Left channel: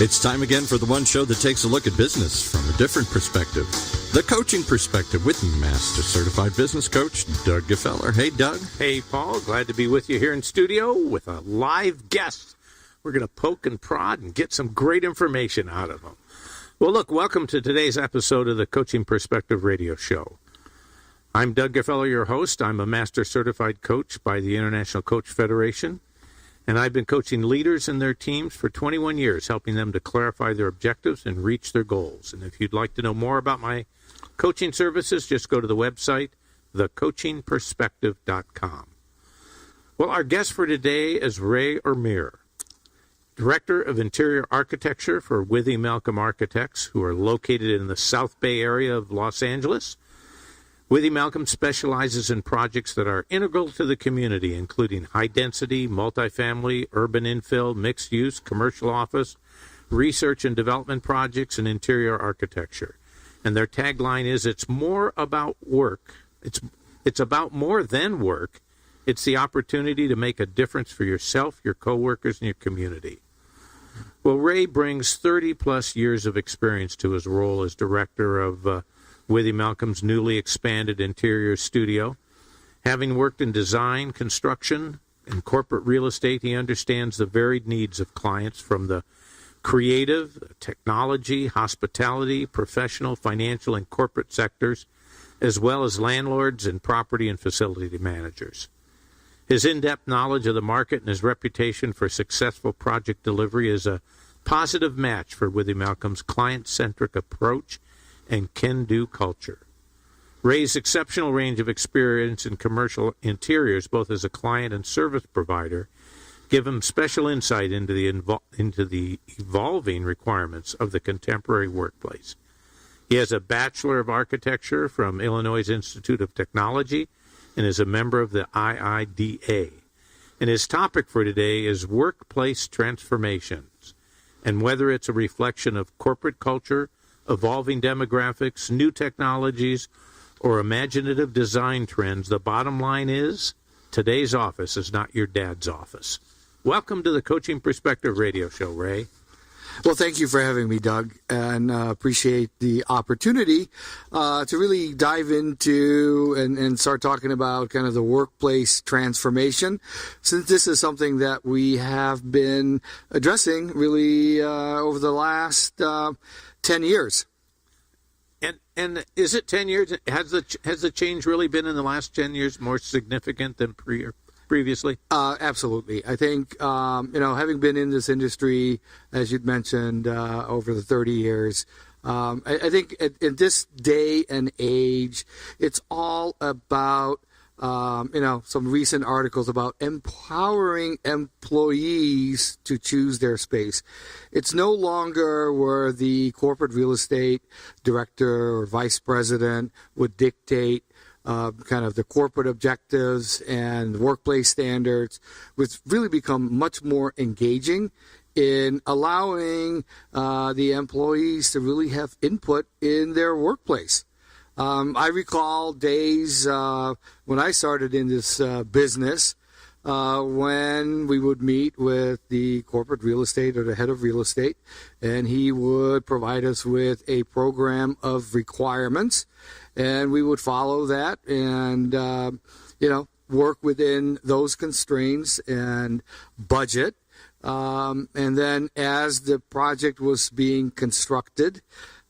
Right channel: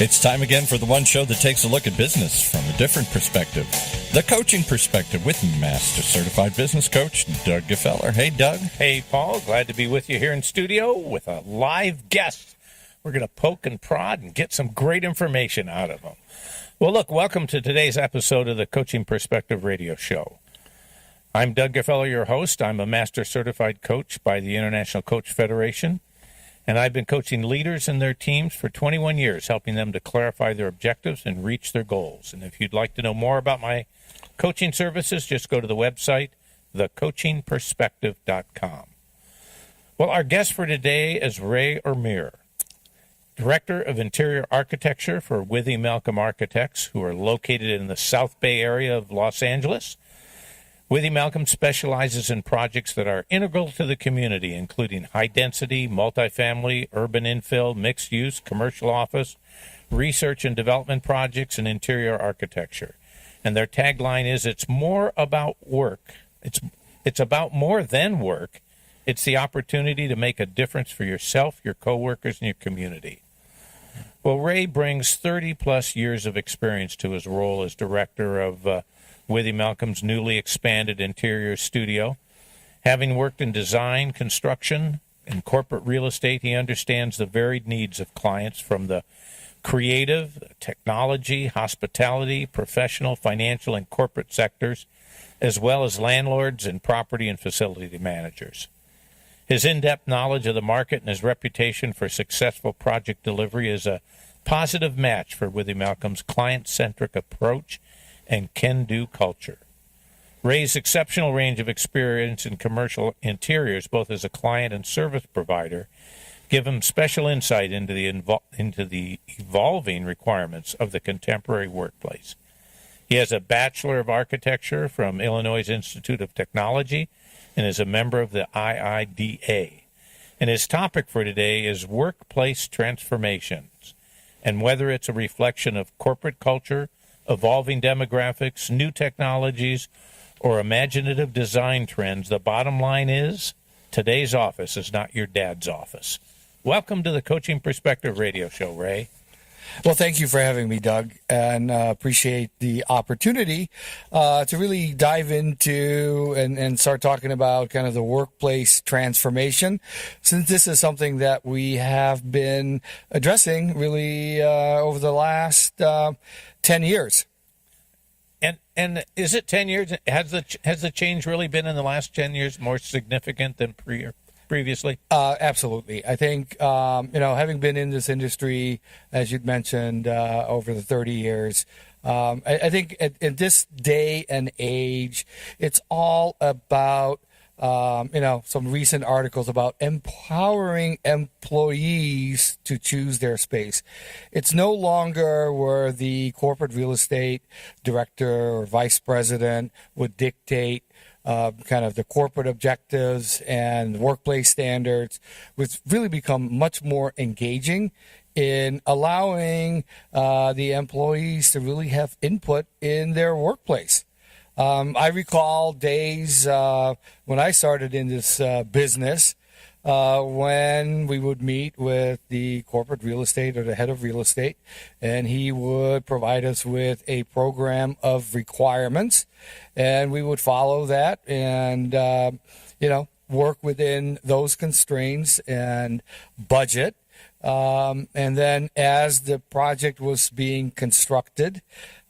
It's time again for the one show that takes a look at business from a different perspective. The Coaching Perspective with Master Certified Business Coach Doug Gefeller. Hey, Doug. Hey, Paul. Glad to be with you here in studio with a live guest. We're going to poke and prod and get some great information out of them. Well, look, welcome to today's episode of the Coaching Perspective radio show. I'm Doug Gefeller, your host. I'm a Master Certified Coach by the International Coach Federation. And I've been coaching leaders and their teams for 21 years, helping them to clarify their objectives and reach their goals. And if you'd like to know more about my coaching services, just go to the website, thecoachingperspective.com. Well, our guest for today is Ray Irmer, Director of Interior Architecture for Withee Malcolm Architects, who are located in the South Bay area of Los Angeles. Withee Malcolm specializes in projects that are integral to the community, including high-density, multifamily, urban infill, mixed-use, commercial office, research and development projects, and interior architecture. And their tagline is, it's more about work. It's about more than work. It's the opportunity to make a difference for yourself, your coworkers, and your community. Well, Ray brings 30-plus years of experience to his role as director of Withee Malcolm's newly expanded interior studio. Having worked in design, construction, and corporate real estate, he understands the varied needs of clients from the creative, technology, hospitality, professional, financial, and corporate sectors, as well as landlords and property and facility managers. His in-depth knowledge of the market and his reputation for successful project delivery is a positive match for Withee Malcolm's client-centric approach and can-do culture. Ray's exceptional range of experience in commercial interiors, both as a client and service provider, give him special insight into the evolving requirements of the contemporary workplace. He has a Bachelor of Architecture from Illinois Institute of Technology and is a member of the IIDA. And his topic for today is workplace transformations, and whether it's a reflection of corporate culture, evolving demographics, new technologies, or imaginative design trends, the bottom line is today's office is not your dad's office. Welcome to the Coaching Perspective radio show, Ray. Well, thank you for having me, Doug, and appreciate the opportunity to really dive into and start talking about kind of the workplace transformation, since this is something that we have been addressing really over the last 10 years. And is it 10 years? Has the change really been in the last 10 years more significant than previously? Absolutely. I think, having been in this industry, as you'd mentioned, over the 30 years, I think in this day and age, it's all about some recent articles about empowering employees to choose their space. It's no longer where the corporate real estate director or vice president would dictate kind of the corporate objectives and workplace standards, which really become much more engaging in allowing the employees to really have input in their workplace. I recall days when I started in this business when we would meet with the corporate real estate or the head of real estate, and he would provide us with a program of requirements, and we would follow that and, work within those constraints and budget. And then as the project was being constructed,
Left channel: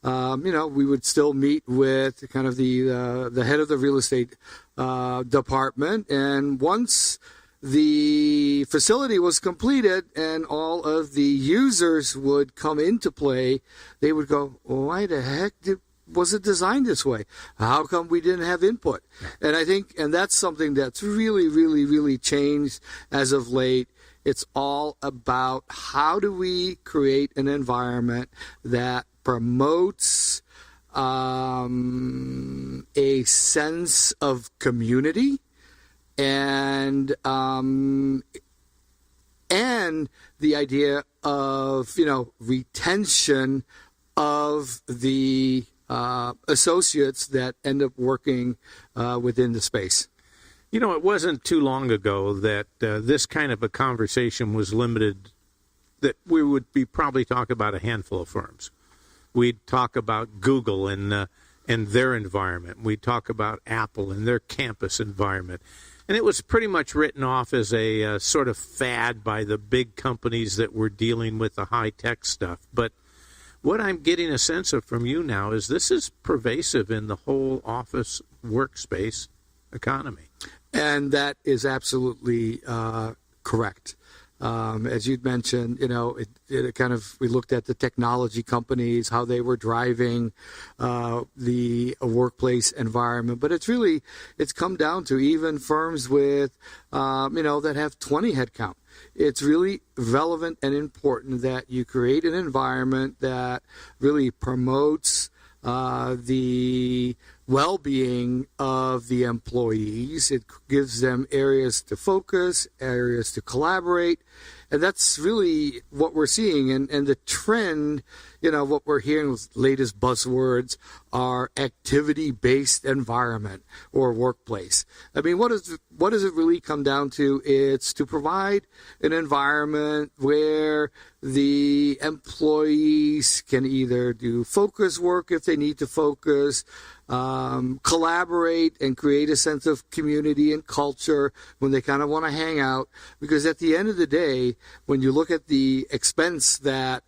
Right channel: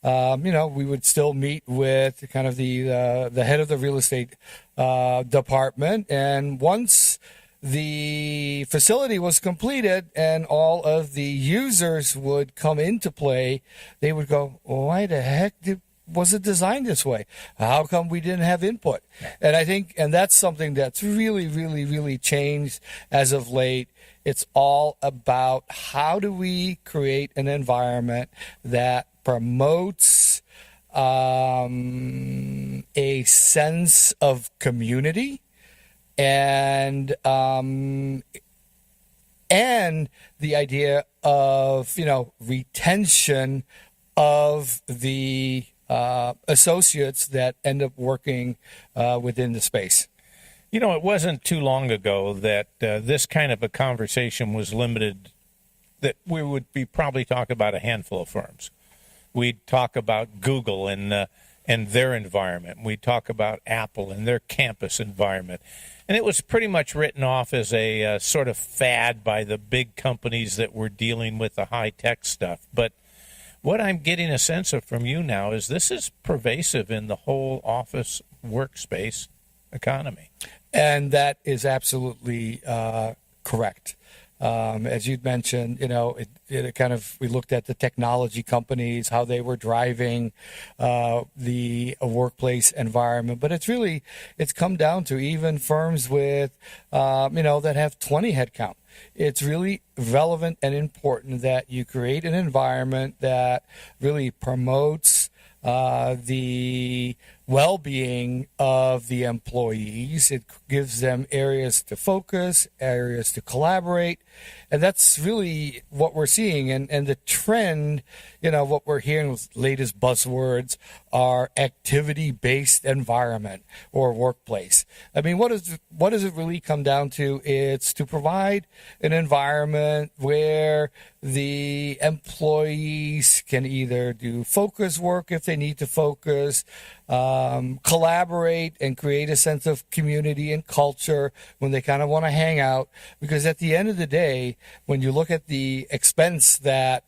we would still meet with kind of the head of the real estate department. And once the facility was completed and all of the users would come into play, they would go, why the heck was it designed this way? How come we didn't have input? And I think, and that's something that's really, really, really changed as of late. It's all about how do we create an environment that promotes a sense of community and the idea of retention of the associates that end up working within the space. It wasn't too long ago that this kind of a conversation was limited that we would be probably talk about a handful of firms. We'd talk about Google and their environment. We'd talk about Apple and their campus environment. And it was pretty much written off as a sort of fad by the big companies that were dealing with the high-tech stuff. But what I'm getting a sense of from you now is this is pervasive in the whole office workspace economy. And that is absolutely correct. As you'd mentioned, it kind of, we looked at the technology companies, how they were driving the workplace environment. But it's come down to even firms with, that have 20 headcount. It's really relevant and important that you create an environment that really promotes the well-being of the employees. It gives them areas to focus, areas to collaborate, and that's really what we're seeing. And the trend, what we're hearing with latest buzzwords are activity-based environment or workplace. I mean, what does it really come down to? It's to provide an environment where the employees can either do focus work if they need to focus, collaborate and create a sense of community and culture when they kind of want to hang out. Because at the end of the day, when you look at the expense that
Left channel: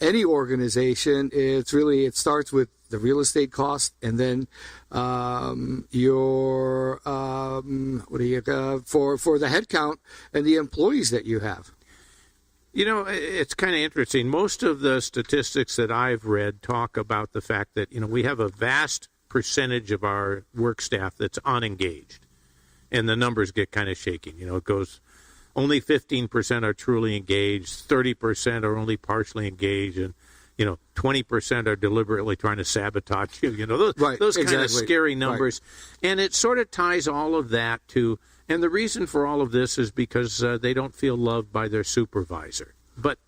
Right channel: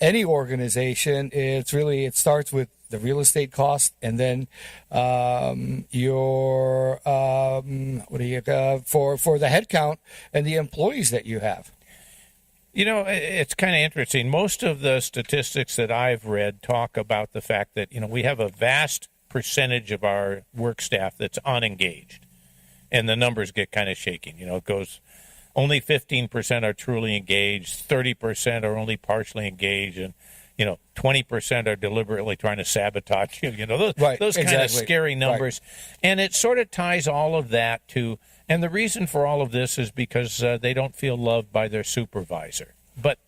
any organization, it starts with the real estate cost and then your for the headcount and the employees that you have. It's kind of interesting. Most of the statistics that I've read talk about the fact that, we have a vast percentage of our work staff that's unengaged. And the numbers get kind of shaking. It goes only 15% are truly engaged, 30% are only partially engaged, and 20% are deliberately trying to sabotage you. Those kind of scary numbers. Right. And it sort of ties all of that to, and the reason for all of this is because they don't feel loved by their supervisor. But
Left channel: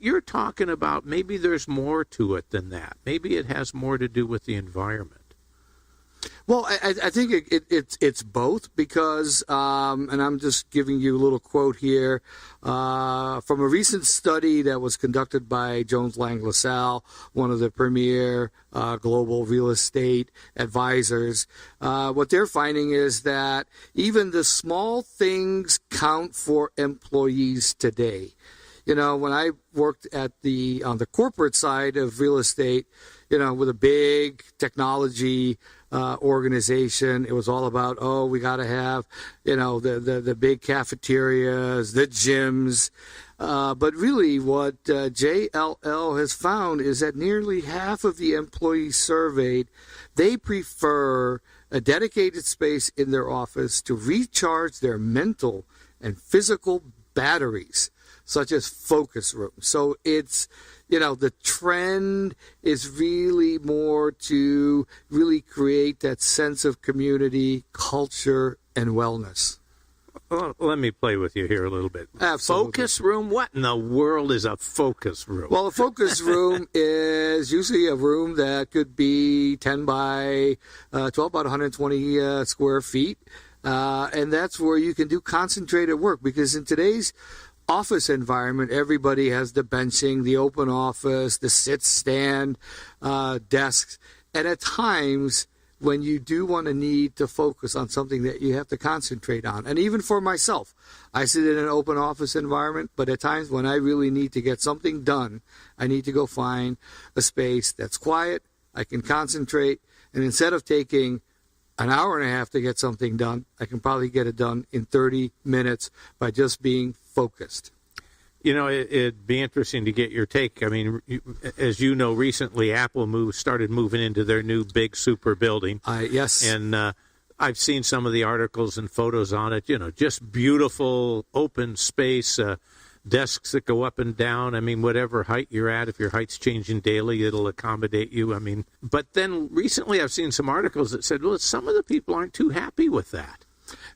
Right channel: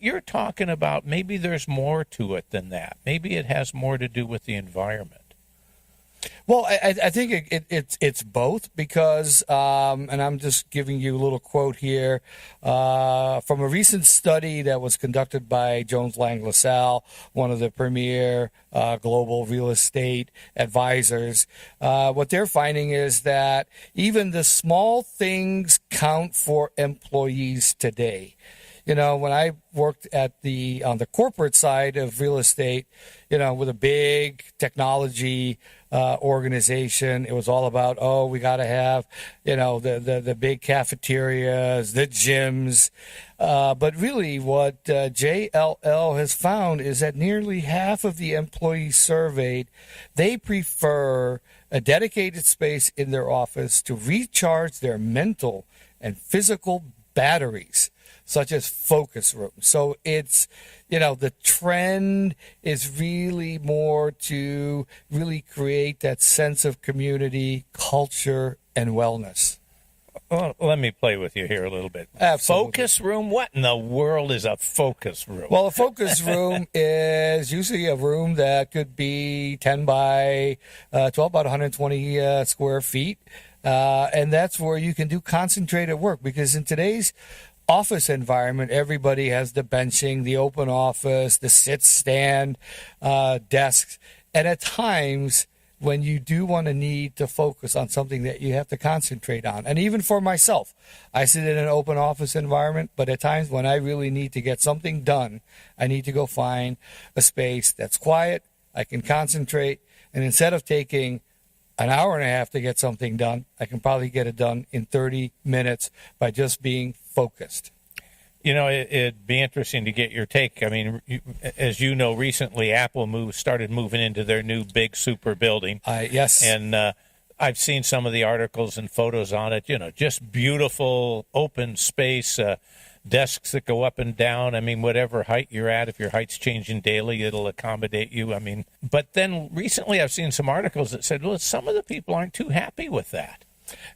you're talking about maybe there's more to it than that. Maybe it has more to do with the environment. Well, I think it's both because, and I'm just giving you a little quote here from a recent study that was conducted by Jones Lang LaSalle, one of the premier global real estate advisors. What they're finding is that even the small things count for employees today. When I worked on the corporate side of real estate, with a big technology organization, it was all about, we got to have, the big cafeterias, the gyms. But really what JLL has found is that nearly half of the employees surveyed, they prefer a dedicated space in their office to recharge their mental and physical batteries, such as focus rooms. So it's, the trend is really more to really create that sense of community, culture, and wellness. Well, let me play with you here a little bit. Absolutely. Focus room? What in the world is a focus room? Well, a focus room is usually a room that could be 10 by 12, about 120 square feet. And that's where you can do concentrated work, because in today's office environment, everybody has the benching, the open office, the sit-stand desks. And at times, when you do want to need to focus on something that you have to concentrate on, and even for myself, I sit in an open office environment, but at times when I really need to get something done, I need to go find a space that's quiet, I can concentrate, and instead of taking an hour and a half to get something done, I can probably get it done in 30 minutes by just being focused. It'd be interesting to get your take. I mean, as you know, recently Apple started moving into their new big super building. Yes. And I've seen some of the articles and photos on it, just beautiful open space, desks that go up and down. I mean, whatever height you're at, if your height's changing daily, it'll accommodate you. I mean, but then recently I've seen some articles that said, well, some of the people aren't too happy with that.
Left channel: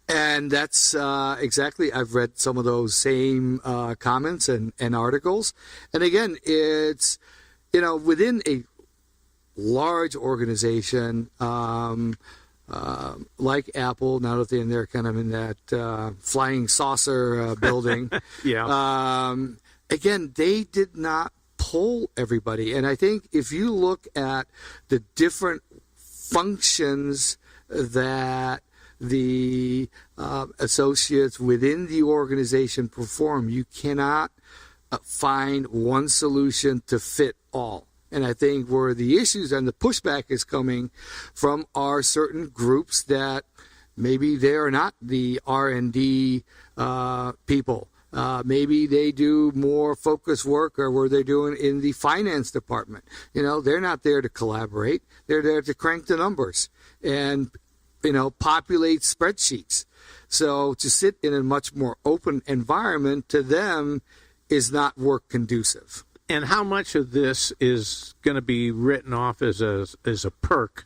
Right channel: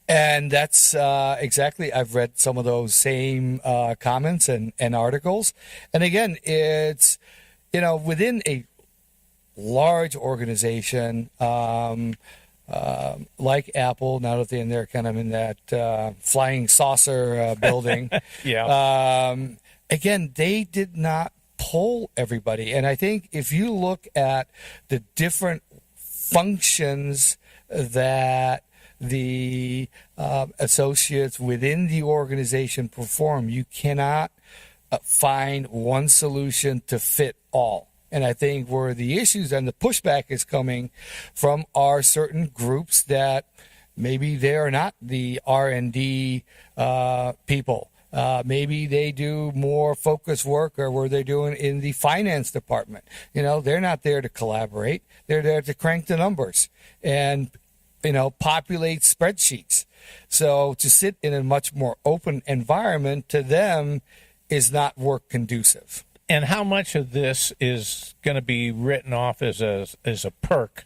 And that's exactly, I've read some of those same comments and articles. And again, it's, within a large organization like Apple, now that they're kind of in that flying saucer building. Yeah. again, they did not poll everybody. And I think if you look at the different functions that the associates within the organization perform, you cannot find one solution to fit all. And I think where the issues and the pushback is coming from are certain groups that maybe they are not the R&D people. Maybe they do more focus work, or where they're doing in the finance department. They're not there to collaborate. They're there to crank the numbers and, populate spreadsheets. So to sit in a much more open environment to them is not work conducive. And how much of this is going to be written off as a perk?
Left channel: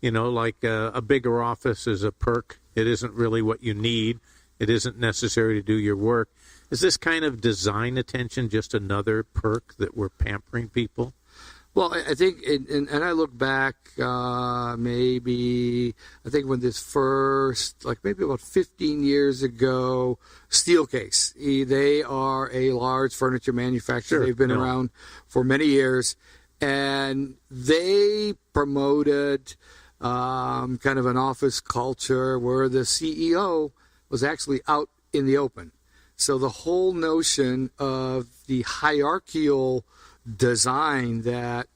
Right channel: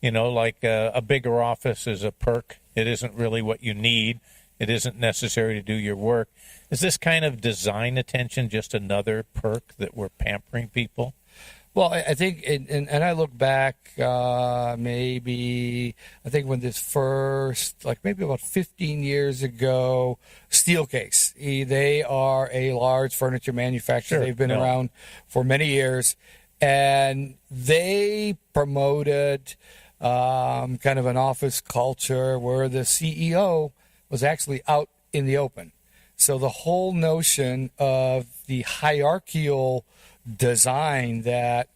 Like a bigger office is a perk. It isn't really what you need. It isn't necessary to do your work. Is this kind of design attention just another perk that we're pampering people? Well, I think, and I look back, maybe, I think when this first, like maybe about 15 years ago, Steelcase, they are a large furniture manufacturer. Sure, They've been around for many years, and they promoted kind of an office culture where the CEO was actually out in the open. So the whole notion of the hierarchical design that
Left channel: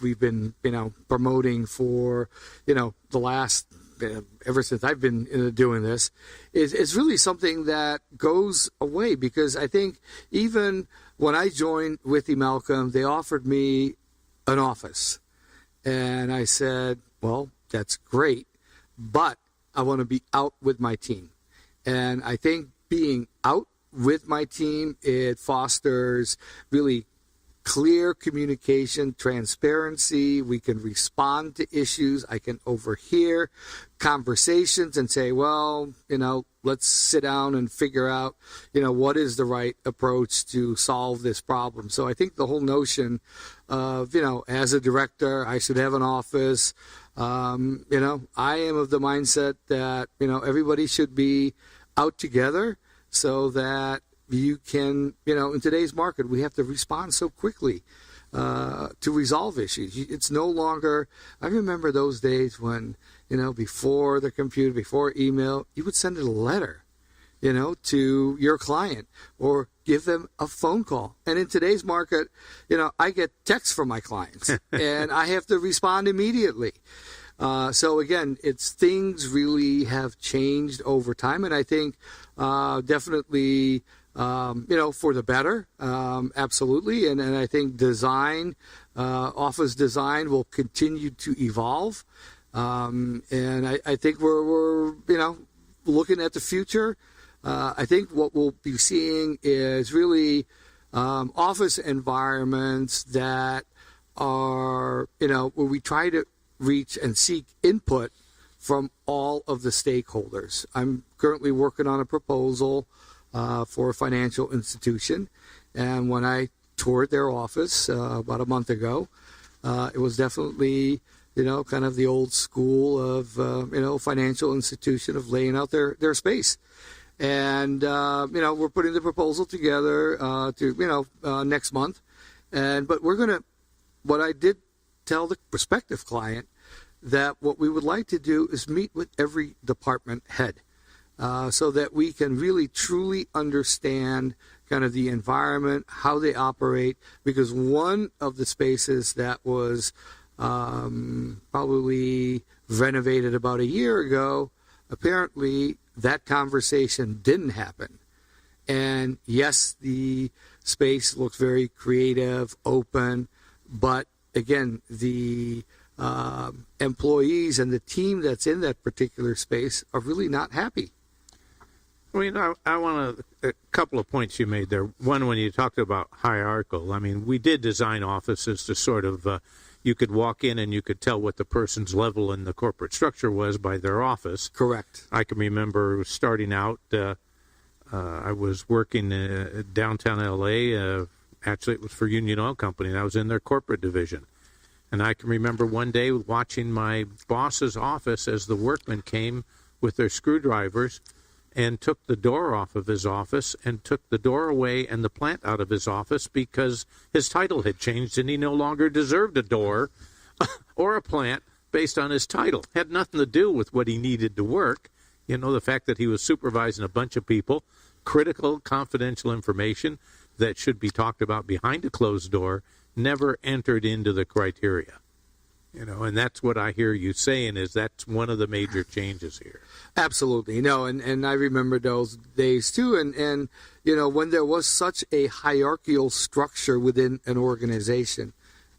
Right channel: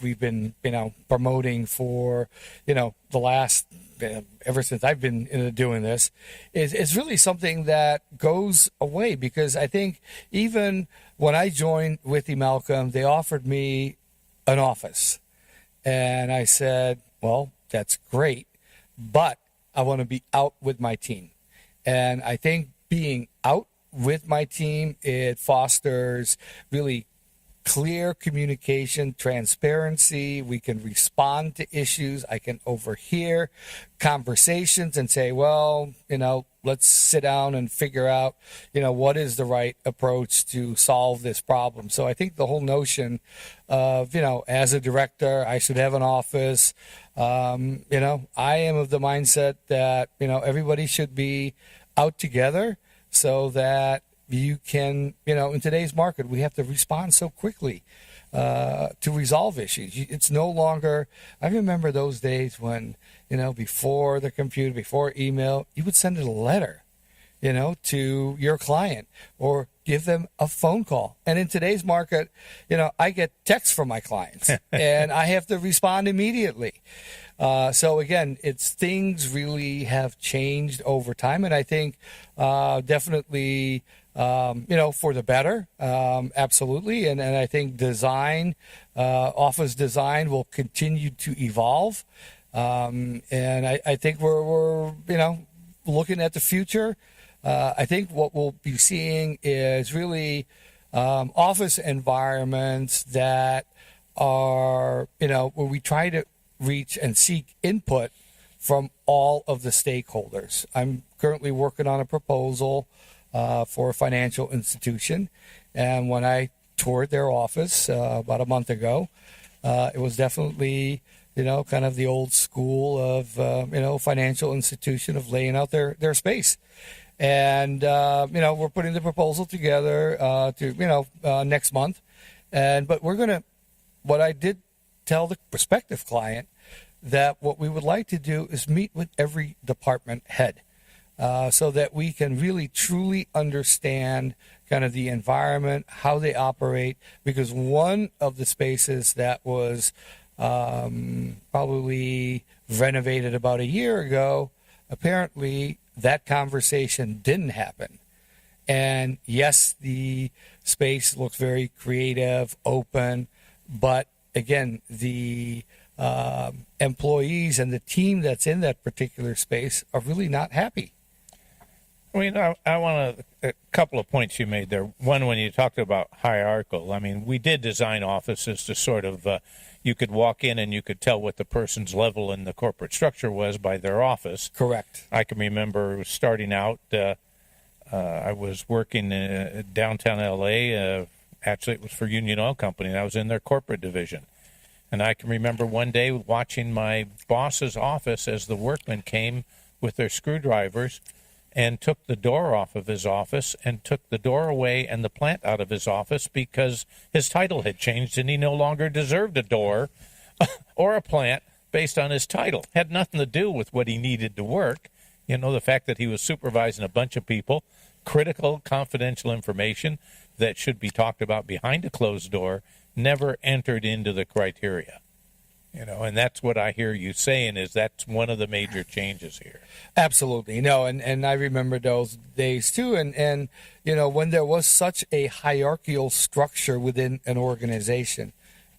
we've been promoting for the last ever since I've been doing this is really something that goes away, because I think even when I joined Withee Malcolm, they offered me an office, and I said, well, that's great, but I want to be out with my team. And I think being out with my team, it fosters really clear communication, transparency. We can respond to issues. I can overhear conversations and say, well, let's sit down and figure out, what is the right approach to solve this problem. So I think the whole notion of, as a director, I should have an office. I am of the mindset that, everybody should be out together so that you can, in today's market, we have to respond so quickly to resolve issues. It's no longer, I remember those days when, before the computer, before email, you would send a letter, to your client or give them a phone call. And in today's market, I get texts from my clients and I have to respond immediately. So again, things really have changed over time. And I think definitely, for the better, absolutely. And I think design, office design will continue to evolve. And I think we're looking at the future. I think what we'll be seeing is really office environments that are, where we try to reach and seek input from all of the stakeholders. I'm currently working on a proposal for a financial institution. And when I toured their office about a month ago, it was definitely, kind of the old school of, financial institution of laying out their space. And, we're putting the proposal together to, next month. But what I did tell the prospective client that what we would like to do is meet with every department head. So that we can really truly understand kind of the environment, how they operate, because one of the spaces that was probably renovated about a year ago, apparently that conversation didn't happen. And yes, the space looks very creative, open, but again, the employees and the team that's in that particular space are really not happy. I mean, I want a couple of points you made there. One, when you talked about hierarchical, I mean, we did design offices to sort of, you could walk in and you could tell what the person's level in the corporate structure was by their office. Correct. I can remember starting out, I was working downtown L.A. Actually, it was for Union Oil Company, and I was in their corporate division. And I can remember one day watching my boss's office as the workmen came with their screwdrivers and took the door off of his office and took the door away and the plant out of his office because his title had changed and he no longer deserved a door or a plant based on his title. Had nothing to do with what he needed to work. You know, the fact that he was supervising a bunch of people, critical, confidential information that should be talked about behind a closed door, never entered into the criteria. You know, and that's what I hear you saying is that's one of the major changes here. Absolutely. No, and I remember those days too. And you know, when there was such a hierarchical structure within an organization,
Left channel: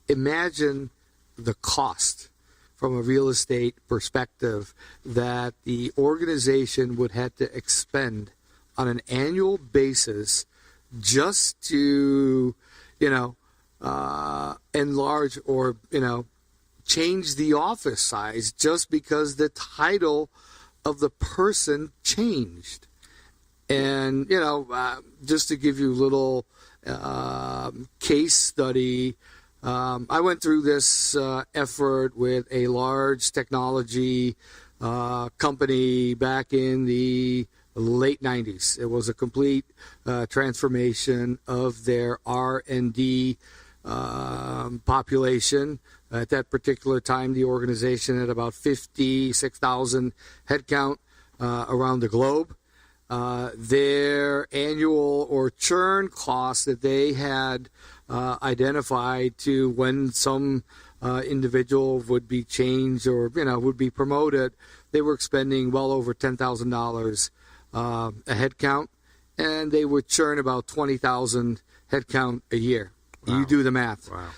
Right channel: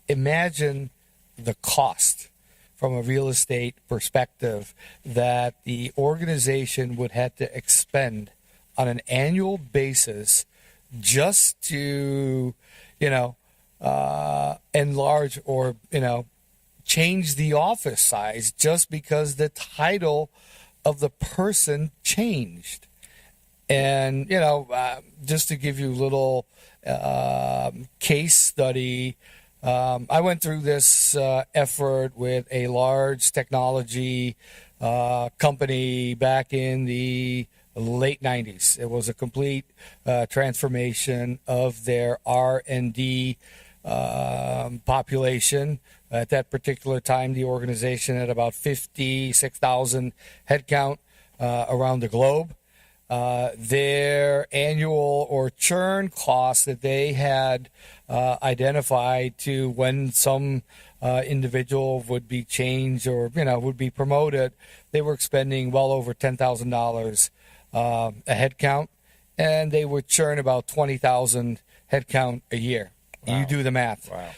imagine the cost from a real estate perspective that the organization would have to expend on an annual basis just to, you know, enlarge or, you know, change the office size just because the title of the person changed. And, you know, just to give you a little case study, I went through this effort with a large technology company back in the late 90s. It was a complete transformation of their R&D population. At that particular time, the organization had about 56,000 headcount around the globe. Their annual or churn costs that they had identified to when some individual would be changed or, you know, would be promoted, they were expending well over $10,000 a headcount, and they would churn about 20,000 headcount a year. Wow. You do the math. Wow.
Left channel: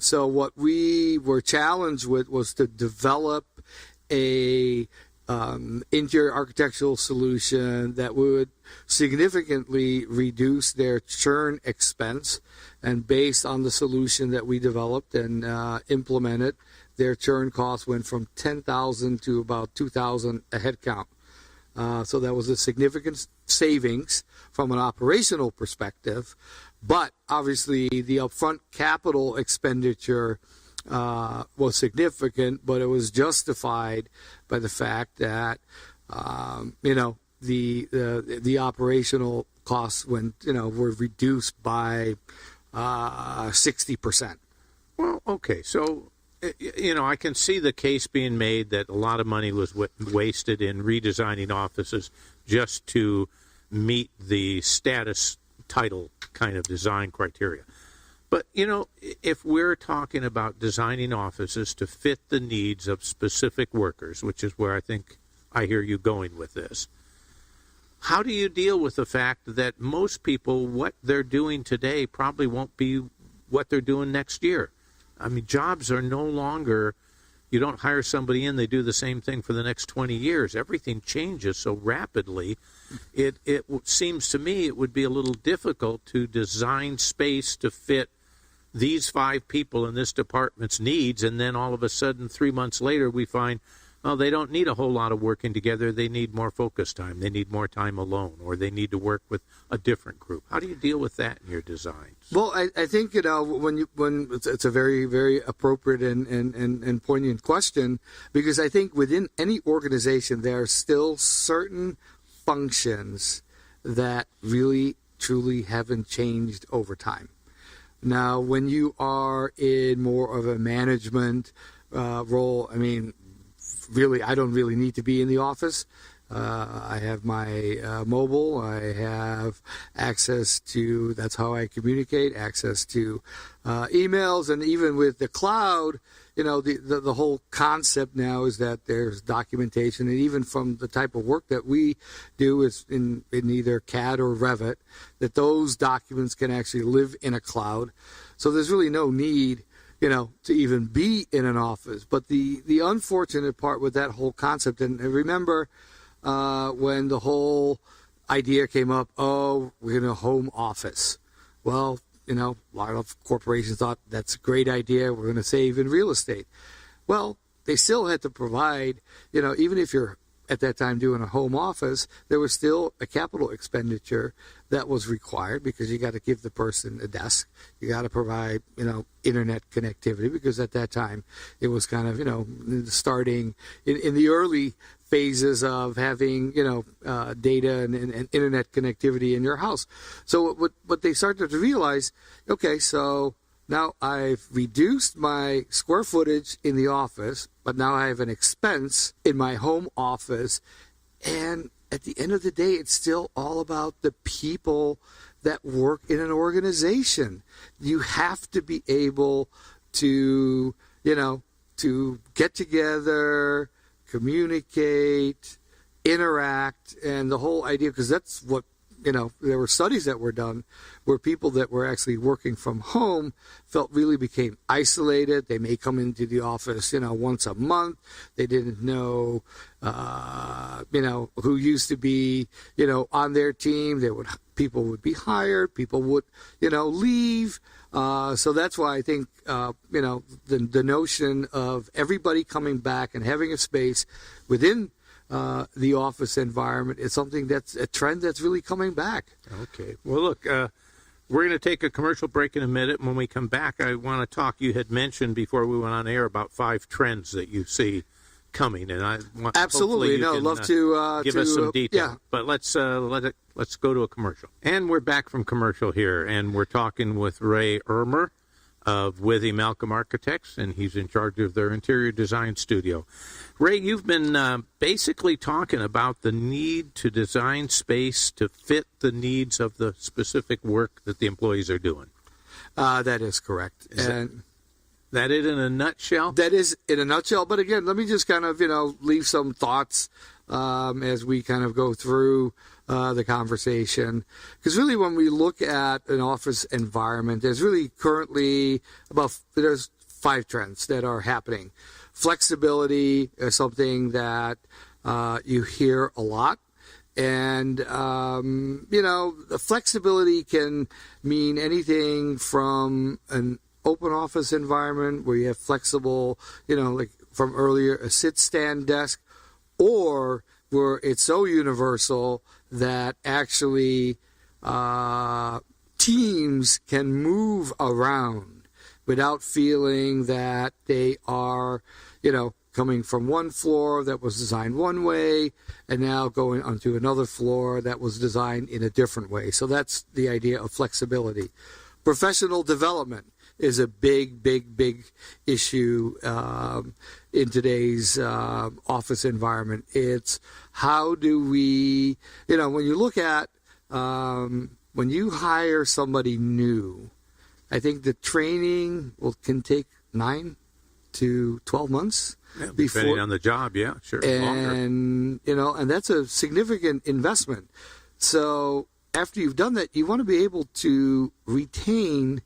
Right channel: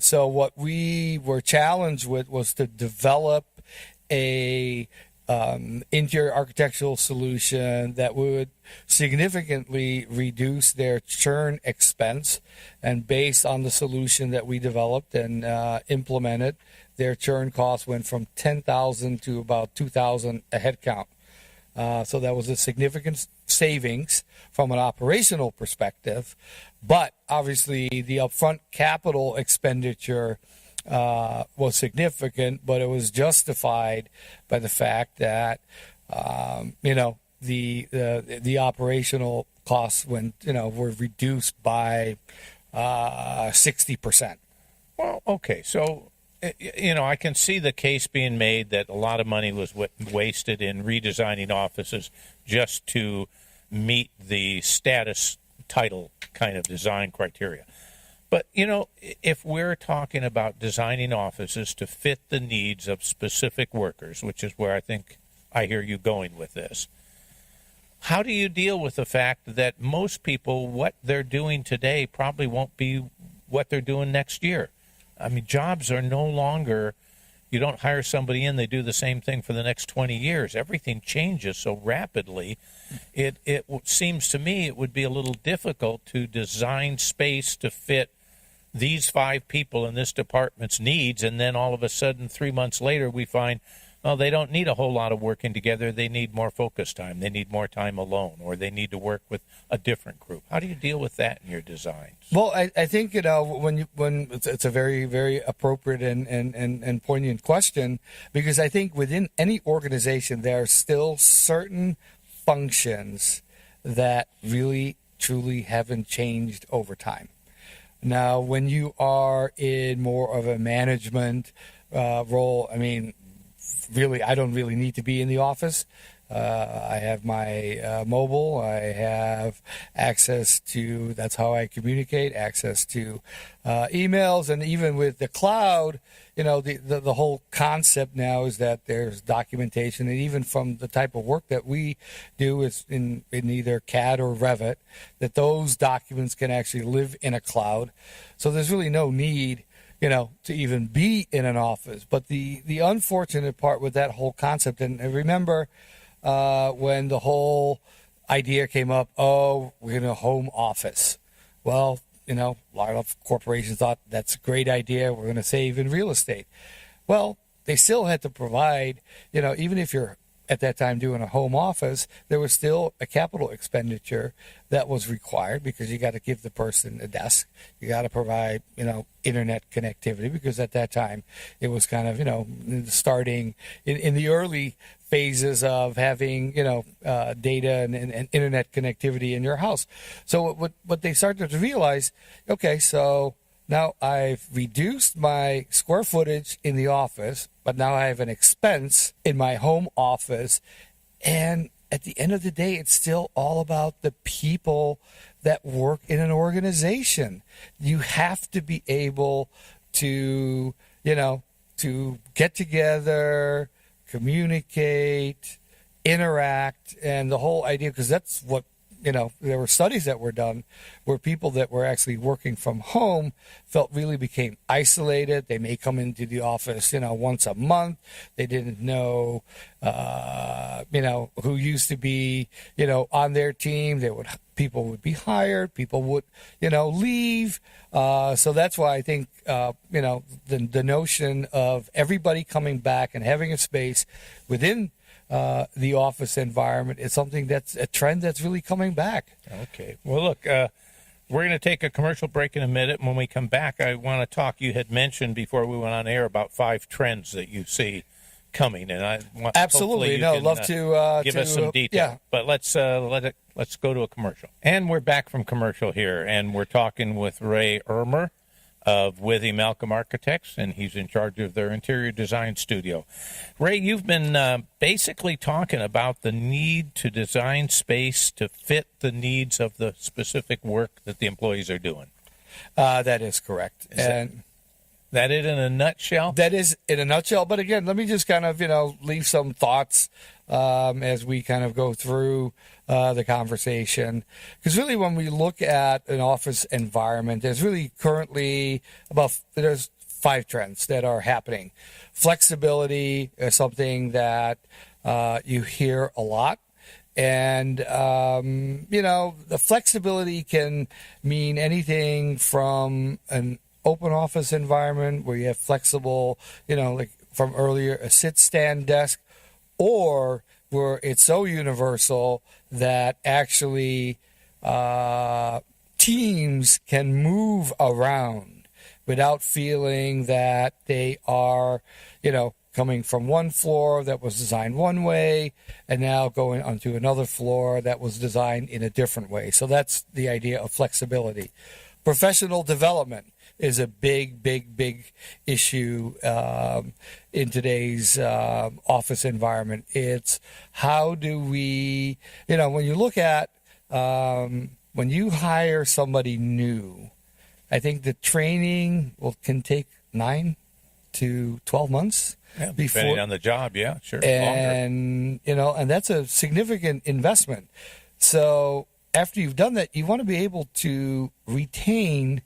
So what we were challenged with was to develop a interior architectural solution that would significantly reduce their churn expense. And based on the solution that we developed and implemented, their churn cost went from $10,000 to about $2,000 a head count. So that was a significant savings from an operational perspective. But obviously, the upfront capital expenditure was significant, but it was justified by the fact that you know, the operational costs were reduced by 60%. Well, okay, so you know, I can see the case being made that a lot of money was wasted in redesigning offices just to meet the status title kind of design criteria. But, you know, if we're talking about designing offices to fit the needs of specific workers, which is where I think I hear you going with this, how do you deal with the fact that most people, what they're doing today probably won't be what they're doing next year? I mean, jobs are no longer, you don't hire somebody in, they do the same thing for the next 20 years. Everything changes so rapidly. It seems to me it would be a little difficult to design space to fit these 5 people in this department's needs, and then all of a sudden 3 months later we find, well, they don't need a whole lot of working together. They need more focus time. They need more time alone, or they need to work with a different group. How do you deal with that in your designs? Well, I think, you know, when it's a very, very appropriate and poignant question, because I think within any organization there are still certain functions that really, truly haven't changed over time. Now, when you are in more of a management role, I mean, really, I don't really need to be in the office. I have my mobile. I have access to, that's how I communicate, access to emails. And even with the cloud, you know, the whole concept now is that there's documentation. And even from the type of work that we do is in either CAD or Revit, that those documents can actually live in a cloud. So there's really no need, you know, to even be in an office. But the unfortunate part with that whole concept, and remember when the whole idea came up, oh, we're in a home office. Well, you know, a lot of corporations thought that's a great idea. We're going to save in real estate. Well, they still had to provide, you know, even if you're at that time doing a home office, there was still a capital expenditure that was required because you got to give the person a desk. You got to provide, internet connectivity because at that time it was kind of, starting in the early phases of having, data and internet connectivity in your house. So what they started to realize, okay, so now I've reduced my square footage in the office, but now I have an expense in my home office. And at the end of the day, it's still all about the people that work in an organization. You have to be able to, to get together, communicate, interact, and the whole idea, because that's what, there were studies that were done where people that were actually working from home really became isolated. They may come into the office, once a month. They didn't know, who used to be, on their team. People would be hired. People would, leave. So that's why I think, the notion of everybody coming back and having a space within the office environment is something that's a trend that's really coming back. Okay. Well, look, we're going to take a commercial break in a minute. When we come back, I want to talk. You had mentioned before we went on air about 5 trends that you see coming, and I want absolutely love to give us some detail. Yeah. But let's go to a commercial, and we're back from commercial here, and we're talking with Ray Irmer of Withee Malcolm Architects, and he's in charge of their interior design studio. Ray, you've been basically talking about the need to design space to fit the needs of the specific work that the employees are doing. That is correct. That it in a nutshell? That is in a nutshell. But again, let me just kind of, leave some thoughts as we kind of go through the conversation. Because really when we look at an office environment, there's really currently there's 5 trends that are happening. Flexibility is something that you hear a lot. And, the flexibility can mean anything from an open office environment where you have flexible, like from earlier, a sit-stand desk, or where it's so universal that actually teams can move around without feeling that they are, coming from one floor that was designed one way and now going onto another floor that was designed in a different way. So that's the idea of flexibility. Professional development is a big issue in today's office environment. It's how do we, when you look at, when you hire somebody new, I think the training can take 9 to 12 months. Yeah, depending on the job, yeah, sure. And, longer. And that's a significant investment. So after you've done that, you want to be able to retain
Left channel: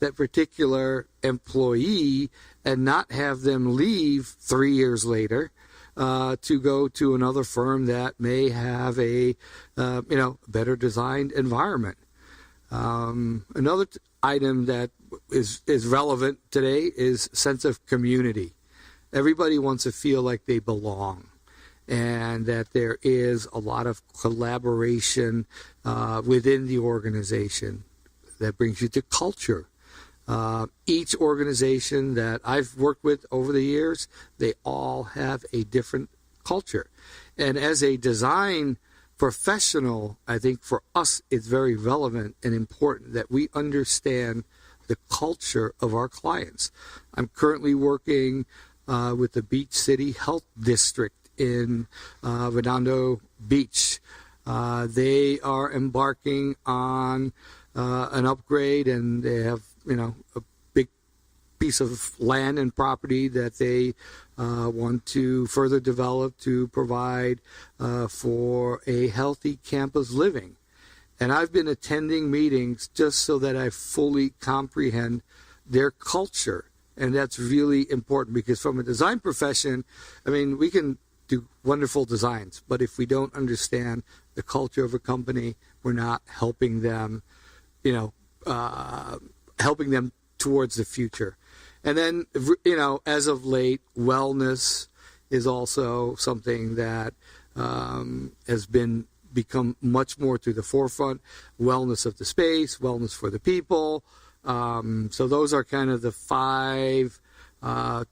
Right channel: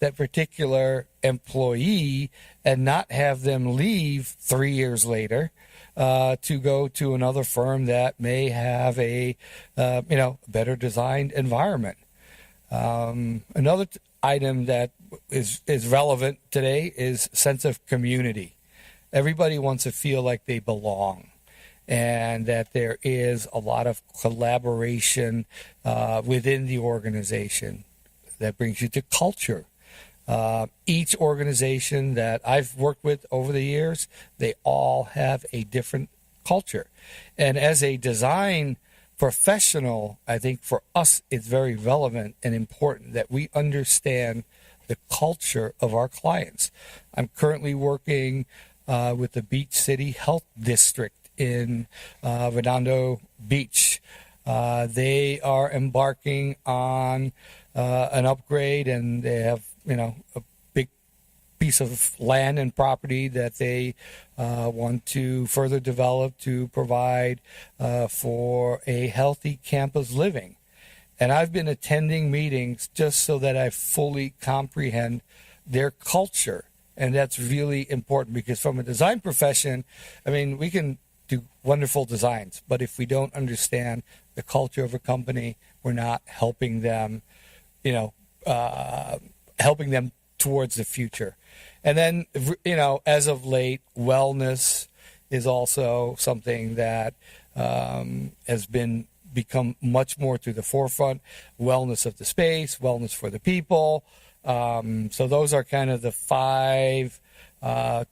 that particular employee and not have them leave 3 years later to go to another firm that may have a better designed environment. Another item that is relevant today is sense of community. Everybody wants to feel like they belong, and that there is a lot of collaboration within the organization. That brings you to culture. Each organization that I've worked with over the years, they all have a different culture. And as a design professional, I think for us it's very relevant and important that we understand the culture of our clients. I'm currently working with the Beach City Health District in Redondo Beach. They are embarking on an upgrade, and they have a big piece of land and property that they want to further develop to provide for a healthy campus living. And I've been attending meetings just so that I fully comprehend their culture. And that's really important, because from a design profession, I mean, we can do wonderful designs, but if we don't understand the culture of a company, we're not helping them, helping them towards the future. And then, as of late, wellness is also something that has become much more to the forefront. Wellness of the space, wellness for the people. So those are kind of the 5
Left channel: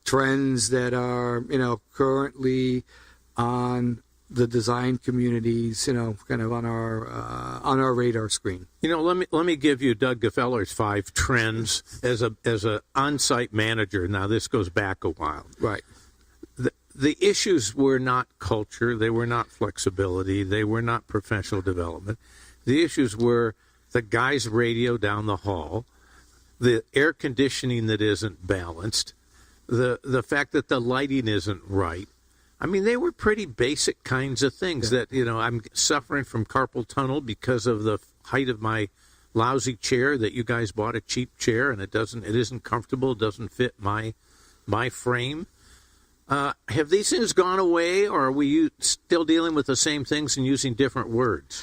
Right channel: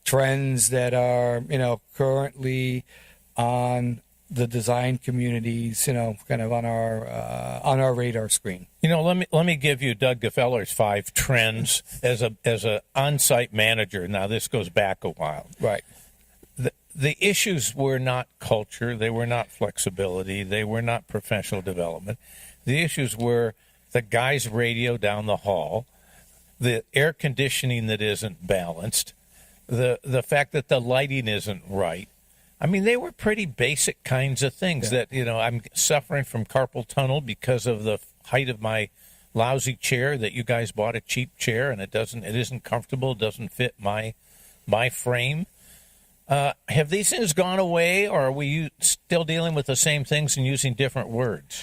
trends that are, currently on the design communities, kind of on our radar screen. Let me give you Doug Geffeller's 5 trends as a on-site manager. Now this goes back a while. Right. The issues were not culture, they were not flexibility, they were not professional development. The issues were the guy's radio down the hall, the air conditioning that isn't balanced, the fact that the lighting isn't right. I mean, they were pretty basic kinds of things that, I'm suffering from carpal tunnel because of the height of my lousy chair that you guys bought a cheap chair and it isn't comfortable, it doesn't fit my frame. Have these things gone away, or are we still dealing with the same things and using different words?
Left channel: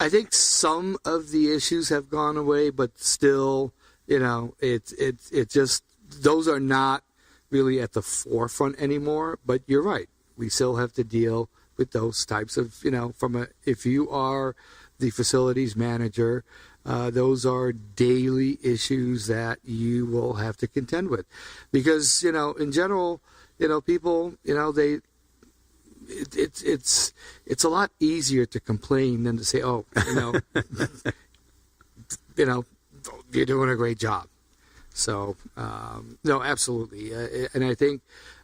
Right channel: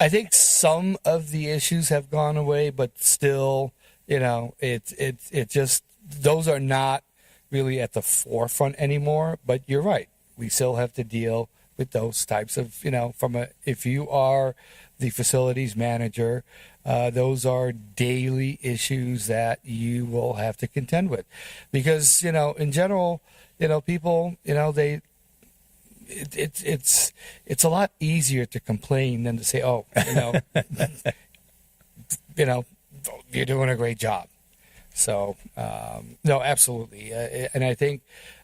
I think some of the issues have gone away, but still, it just, those are not really at the forefront anymore. But you're right. We still have to deal with those types of, if you are the facilities manager, those are daily issues that you will have to contend with. Because, in general, people, it's a lot easier to complain than to say, oh, you're doing a great job. So, no, absolutely. And I think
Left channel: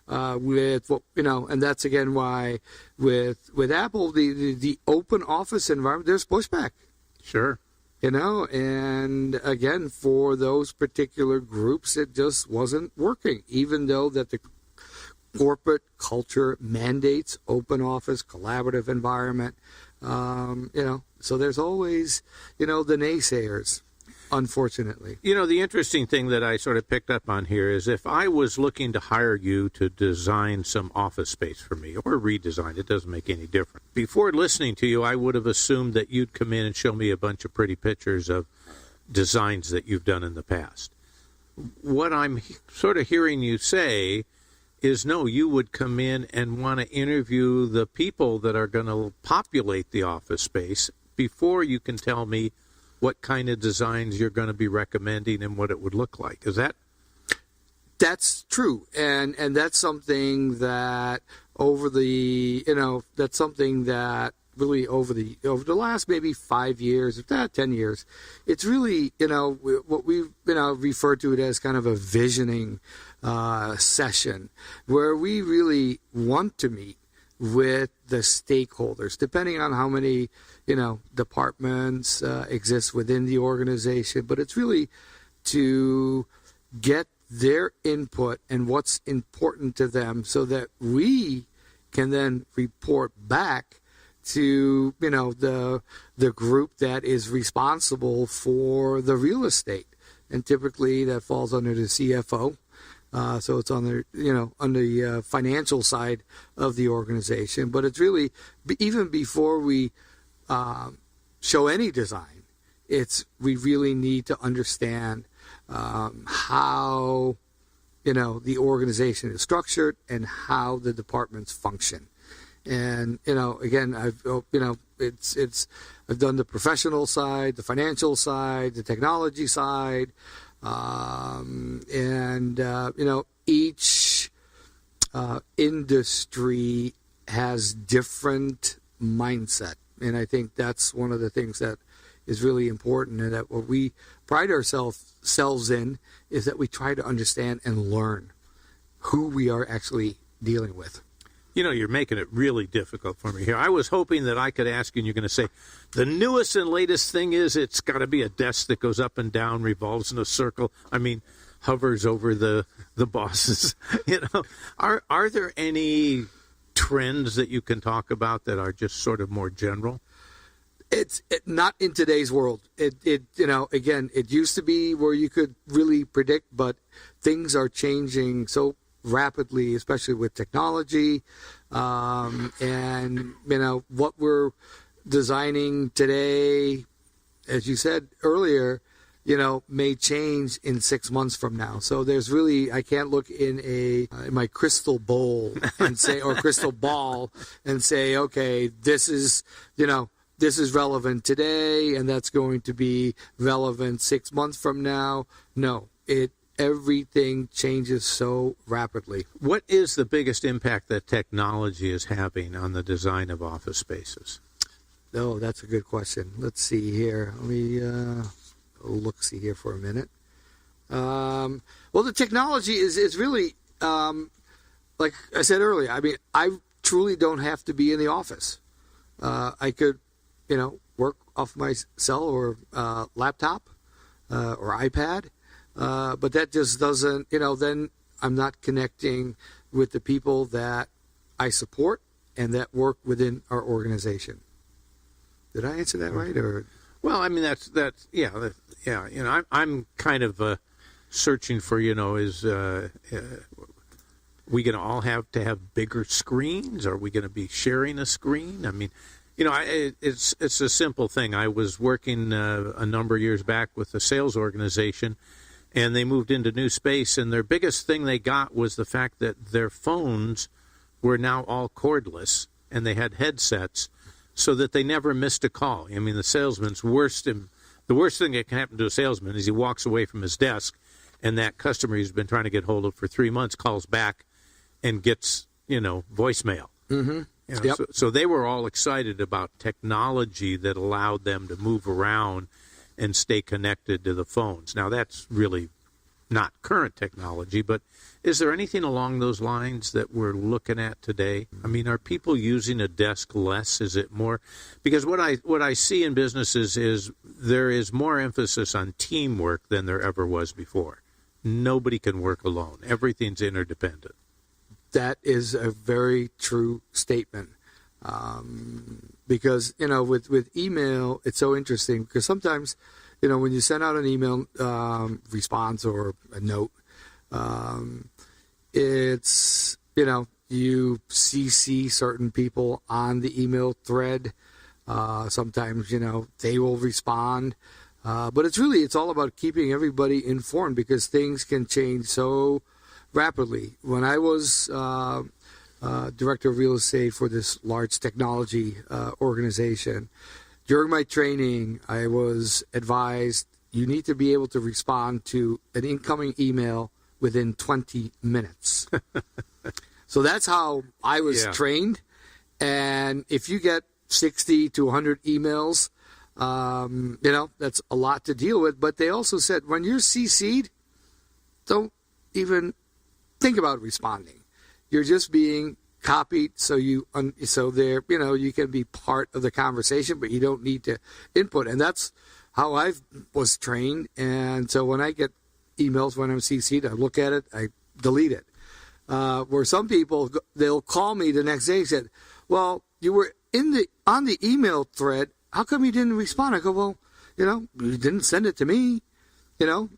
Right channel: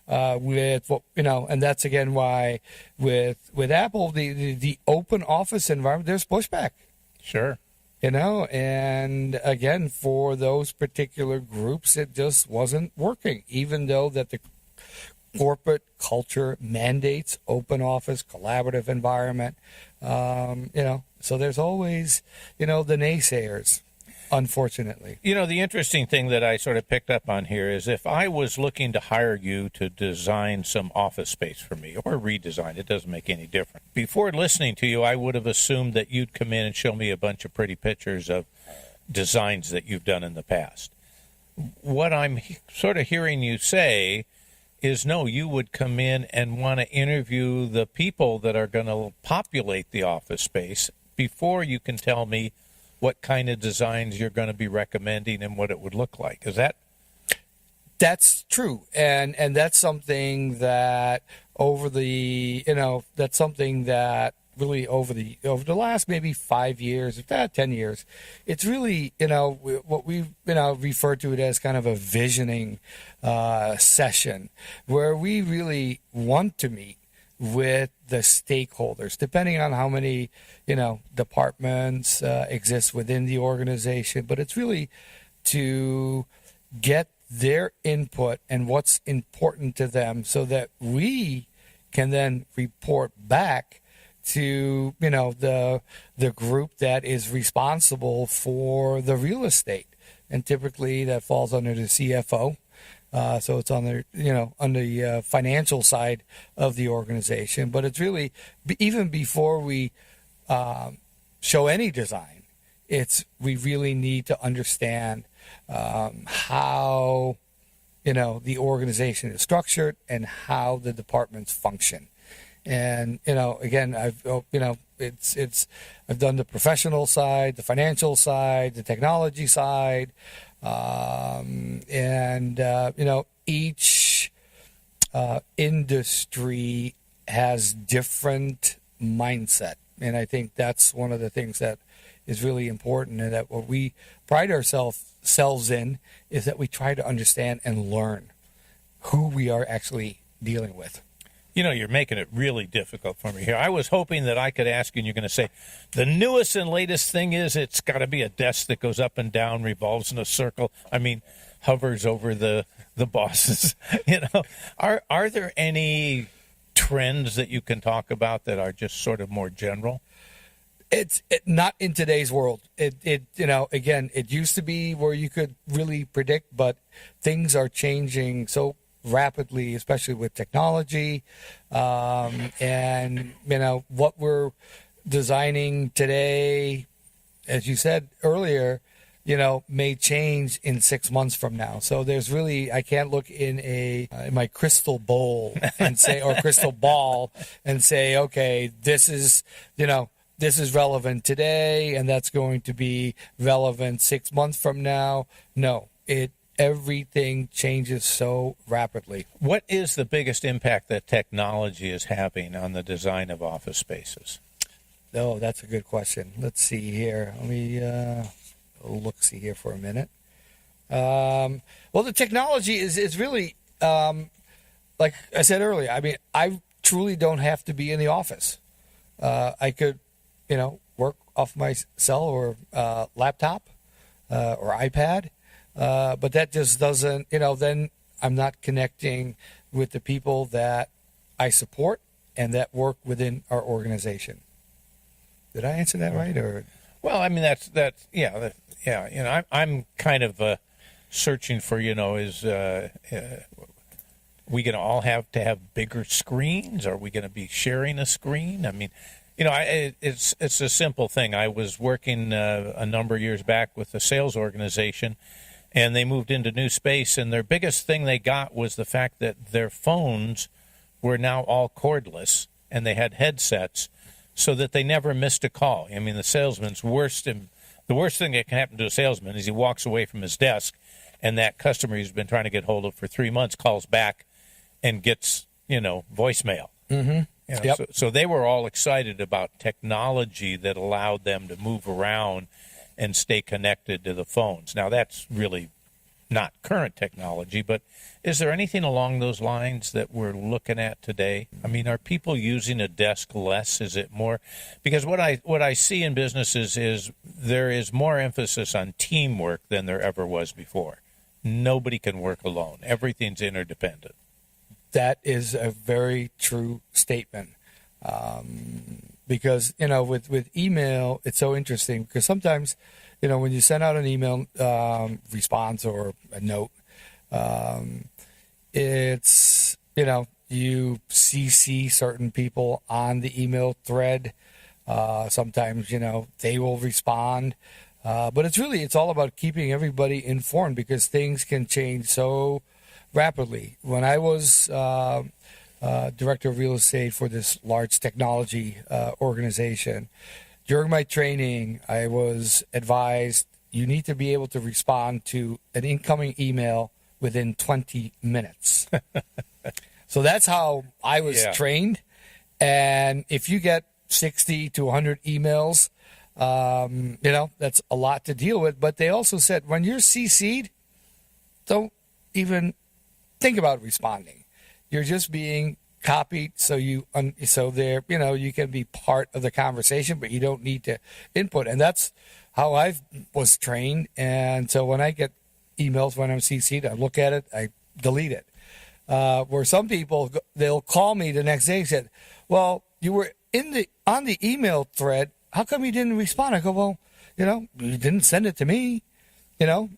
with what, and that's again why with Apple, the open office environment, there's pushback. Sure. And again, for those particular groups, it just wasn't working, even though that the corporate culture mandates open office, collaborative environment. So there's always, the naysayers, unfortunately. The interesting thing that I sort of picked up on here is if I was looking to hire you to design some office space for me or redesign, it doesn't make any difference. Before listening to you, I would have assumed that you'd come in and show me a bunch of pretty pictures of designs that you've done in the past. What I'm sort of hearing you say is no, you would come in and want to interview the people that are going to populate the office space before you can tell me what kind of designs you're going to be recommending and what it would look like. Is that? That's true. And that's something that that's something that really over the last maybe 5 years, 10 years, it's really, what we've, referred to it as kind of a visioning session where we really want to meet with the stakeholders, depending on how many, departments exist within the organization. But it's really to get their input and what's important to them so that we can then report back to, the group that is responsible for the real estate. And typically that falls under the CFO. So it's on the financial side of the organization. But it's really, even before we show any design, we really need to understand how, the organization is structured and how the departments function. And, again, I've done the professional side, the financial side, the technology side. Each industry has different mindset. And I think that's one of the things that is really important, and that what we pride ourselves in is that we try to understand and learn who we are actually dealing with. You're making it really difficult for me here. I was hoping that I could ask you and you're going to say, the newest and latest thing is it's got to be a desk that goes up and down, revolves in a circle. I mean, hovers over the bosses. Are there any trends that you can talk about that are just sort of more general? It's not in today's world. Again, it used to be where you could really predict, but things are changing so rapidly, especially with technology, and what we're designing today, as you said earlier, may change in 6 months from now. So there's really, I can't look in my crystal bowl and say, or crystal ball and say, okay, this is relevant today, and that's going to be relevant 6 months from now. No, everything changes so rapidly. What is the biggest impact that technology is having on the design of office spaces? Oh, that's a good question. Let's see here. Let me look-see here for a minute. Well, the technology is really, like I said earlier, I mean, I truly don't have to be in the office. I could, work off my cell or laptop or iPad, but that just doesn't, then I'm not connecting with the people that I support and that work within our organization. Did I answer that right? Or well, I mean yeah. I'm kind of searching for is we going to all have to have bigger screens? Are we going to be sharing a screen? I mean, it's a simple thing. I was working a number of years back with a sales organization, and they moved into new space, and their biggest thing they got was the fact that their phones were now all cordless, and they had headsets, so that they never missed a call. I mean, the worst thing that can happen to a salesman is he walks away from his desk, and that customer he's been trying to get hold of for 3 months calls back and gets, voicemail. mm-hmm. Yep. So they were all excited about technology that allowed them to move around and stay connected to the phones. Now, that's really not current technology, but is there anything along those lines that we're looking at today? I mean, are people using a desk less? Is it more? Because what I see in businesses is there is more emphasis on teamwork than there ever was before. Nobody can work alone. Everything's interdependent. That is a very true statement. Because, with email, it's so interesting because sometimes, when you send out an email response or a note, it's, you CC certain people on the email thread. Sometimes, they will respond. But it's all about keeping everybody informed because things can change so rapidly. When I was director of real estate for this large technology organization, during my training, I was advised you need to be able to respond to an incoming email within 20 minutes. So that's how I was trained. And if you get 60 to 100 emails, that's a lot to deal with. But they also said when you're CC'd, don't even think about responding. You're just being copied, so you can be part of the conversation, but you don't need to input. And that's how I was trained. And so when I get emails when I'm CC'd, I look at it, I delete it. Where some people, they'll call me the next day and said, "Well, you were on the email thread. How come you didn't respond?" I go, "Well, you didn't send it to me.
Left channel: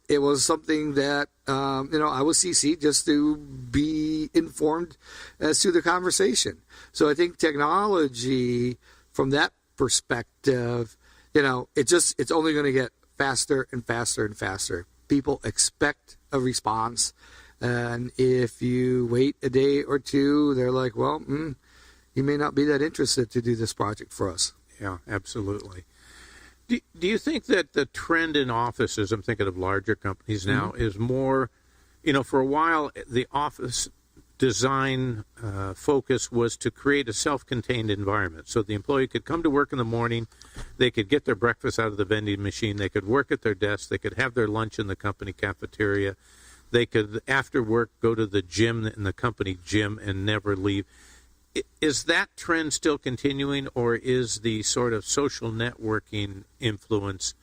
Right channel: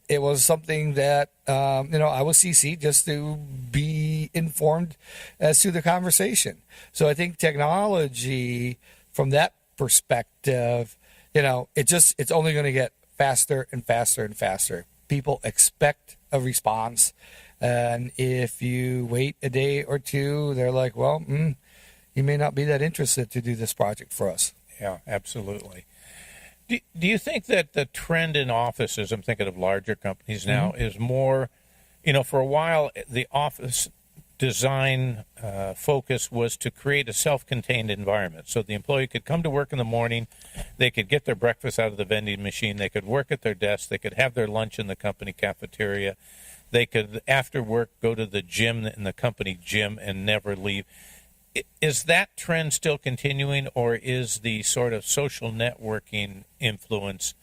It was something that, I was CC'd just to be informed as to the conversation." So I think technology from that perspective, it's only going to get faster and faster and faster. People expect a response. And if you wait a day or two, they're like, well, you may not be that interested to do this project for us. Yeah, absolutely. Do you think that the trend in offices, I'm thinking of larger companies now, is more, for a while, the office design focus was to create a self-contained environment. So the employee could come to work in the morning, they could get their breakfast out of the vending machine, they could work at their desk, they could have their lunch in the company cafeteria, they could, after work, go to the gym in the company gym and never leave. Is that trend still continuing, or is the sort of social networking influence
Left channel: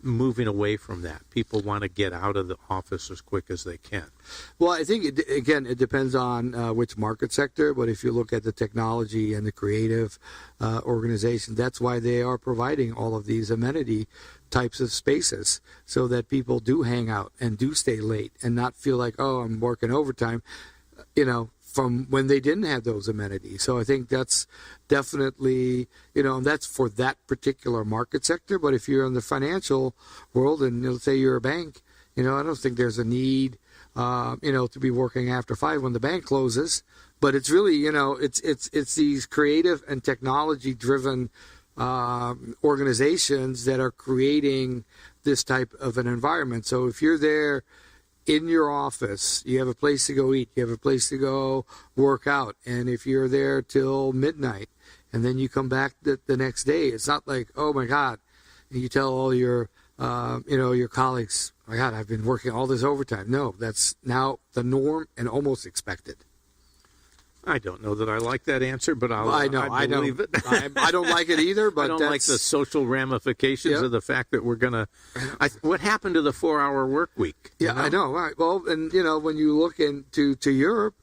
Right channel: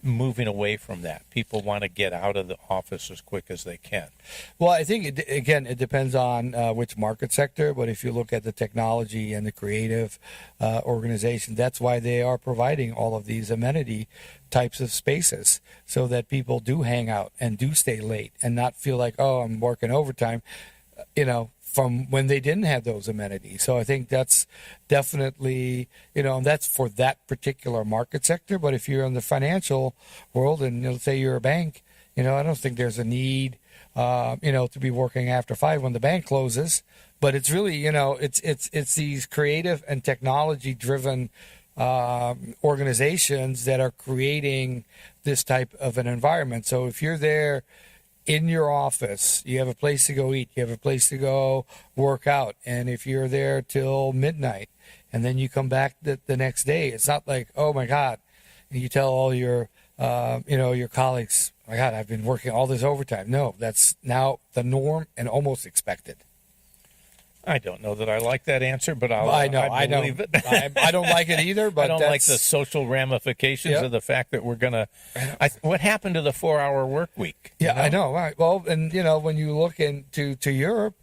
moving away from that? People want to get out of the office as quick as they can. Well, I think, it depends on which market sector, but if you look at the technology and the creative organization, that's why they are providing all of these amenity types of spaces so that people do hang out and do stay late and not feel like, oh, I'm working overtime. from when they didn't have those amenities. So I think that's definitely, and that's for that particular market sector. But if you're in the financial world and let's say you're a bank, I don't think there's a need, to be working after 5 when the bank closes. But it's really, it's these creative and technology driven organizations that are creating this type of an environment. So if you're there in your office, you have a place to go eat, you have a place to go work out, and if you're there till midnight and then you come back the next day, it's not like, oh my God, and you tell all your your colleagues, oh my God, I've been working all this overtime. No, that's now the norm and almost expected. I don't know that I like that answer, but I believe it. I don't like it either, but I don't like the social ramifications of the fact that we're going to. What happened to the 4-hour work week? Yeah, I know. Right. Well, and when you look into Europe,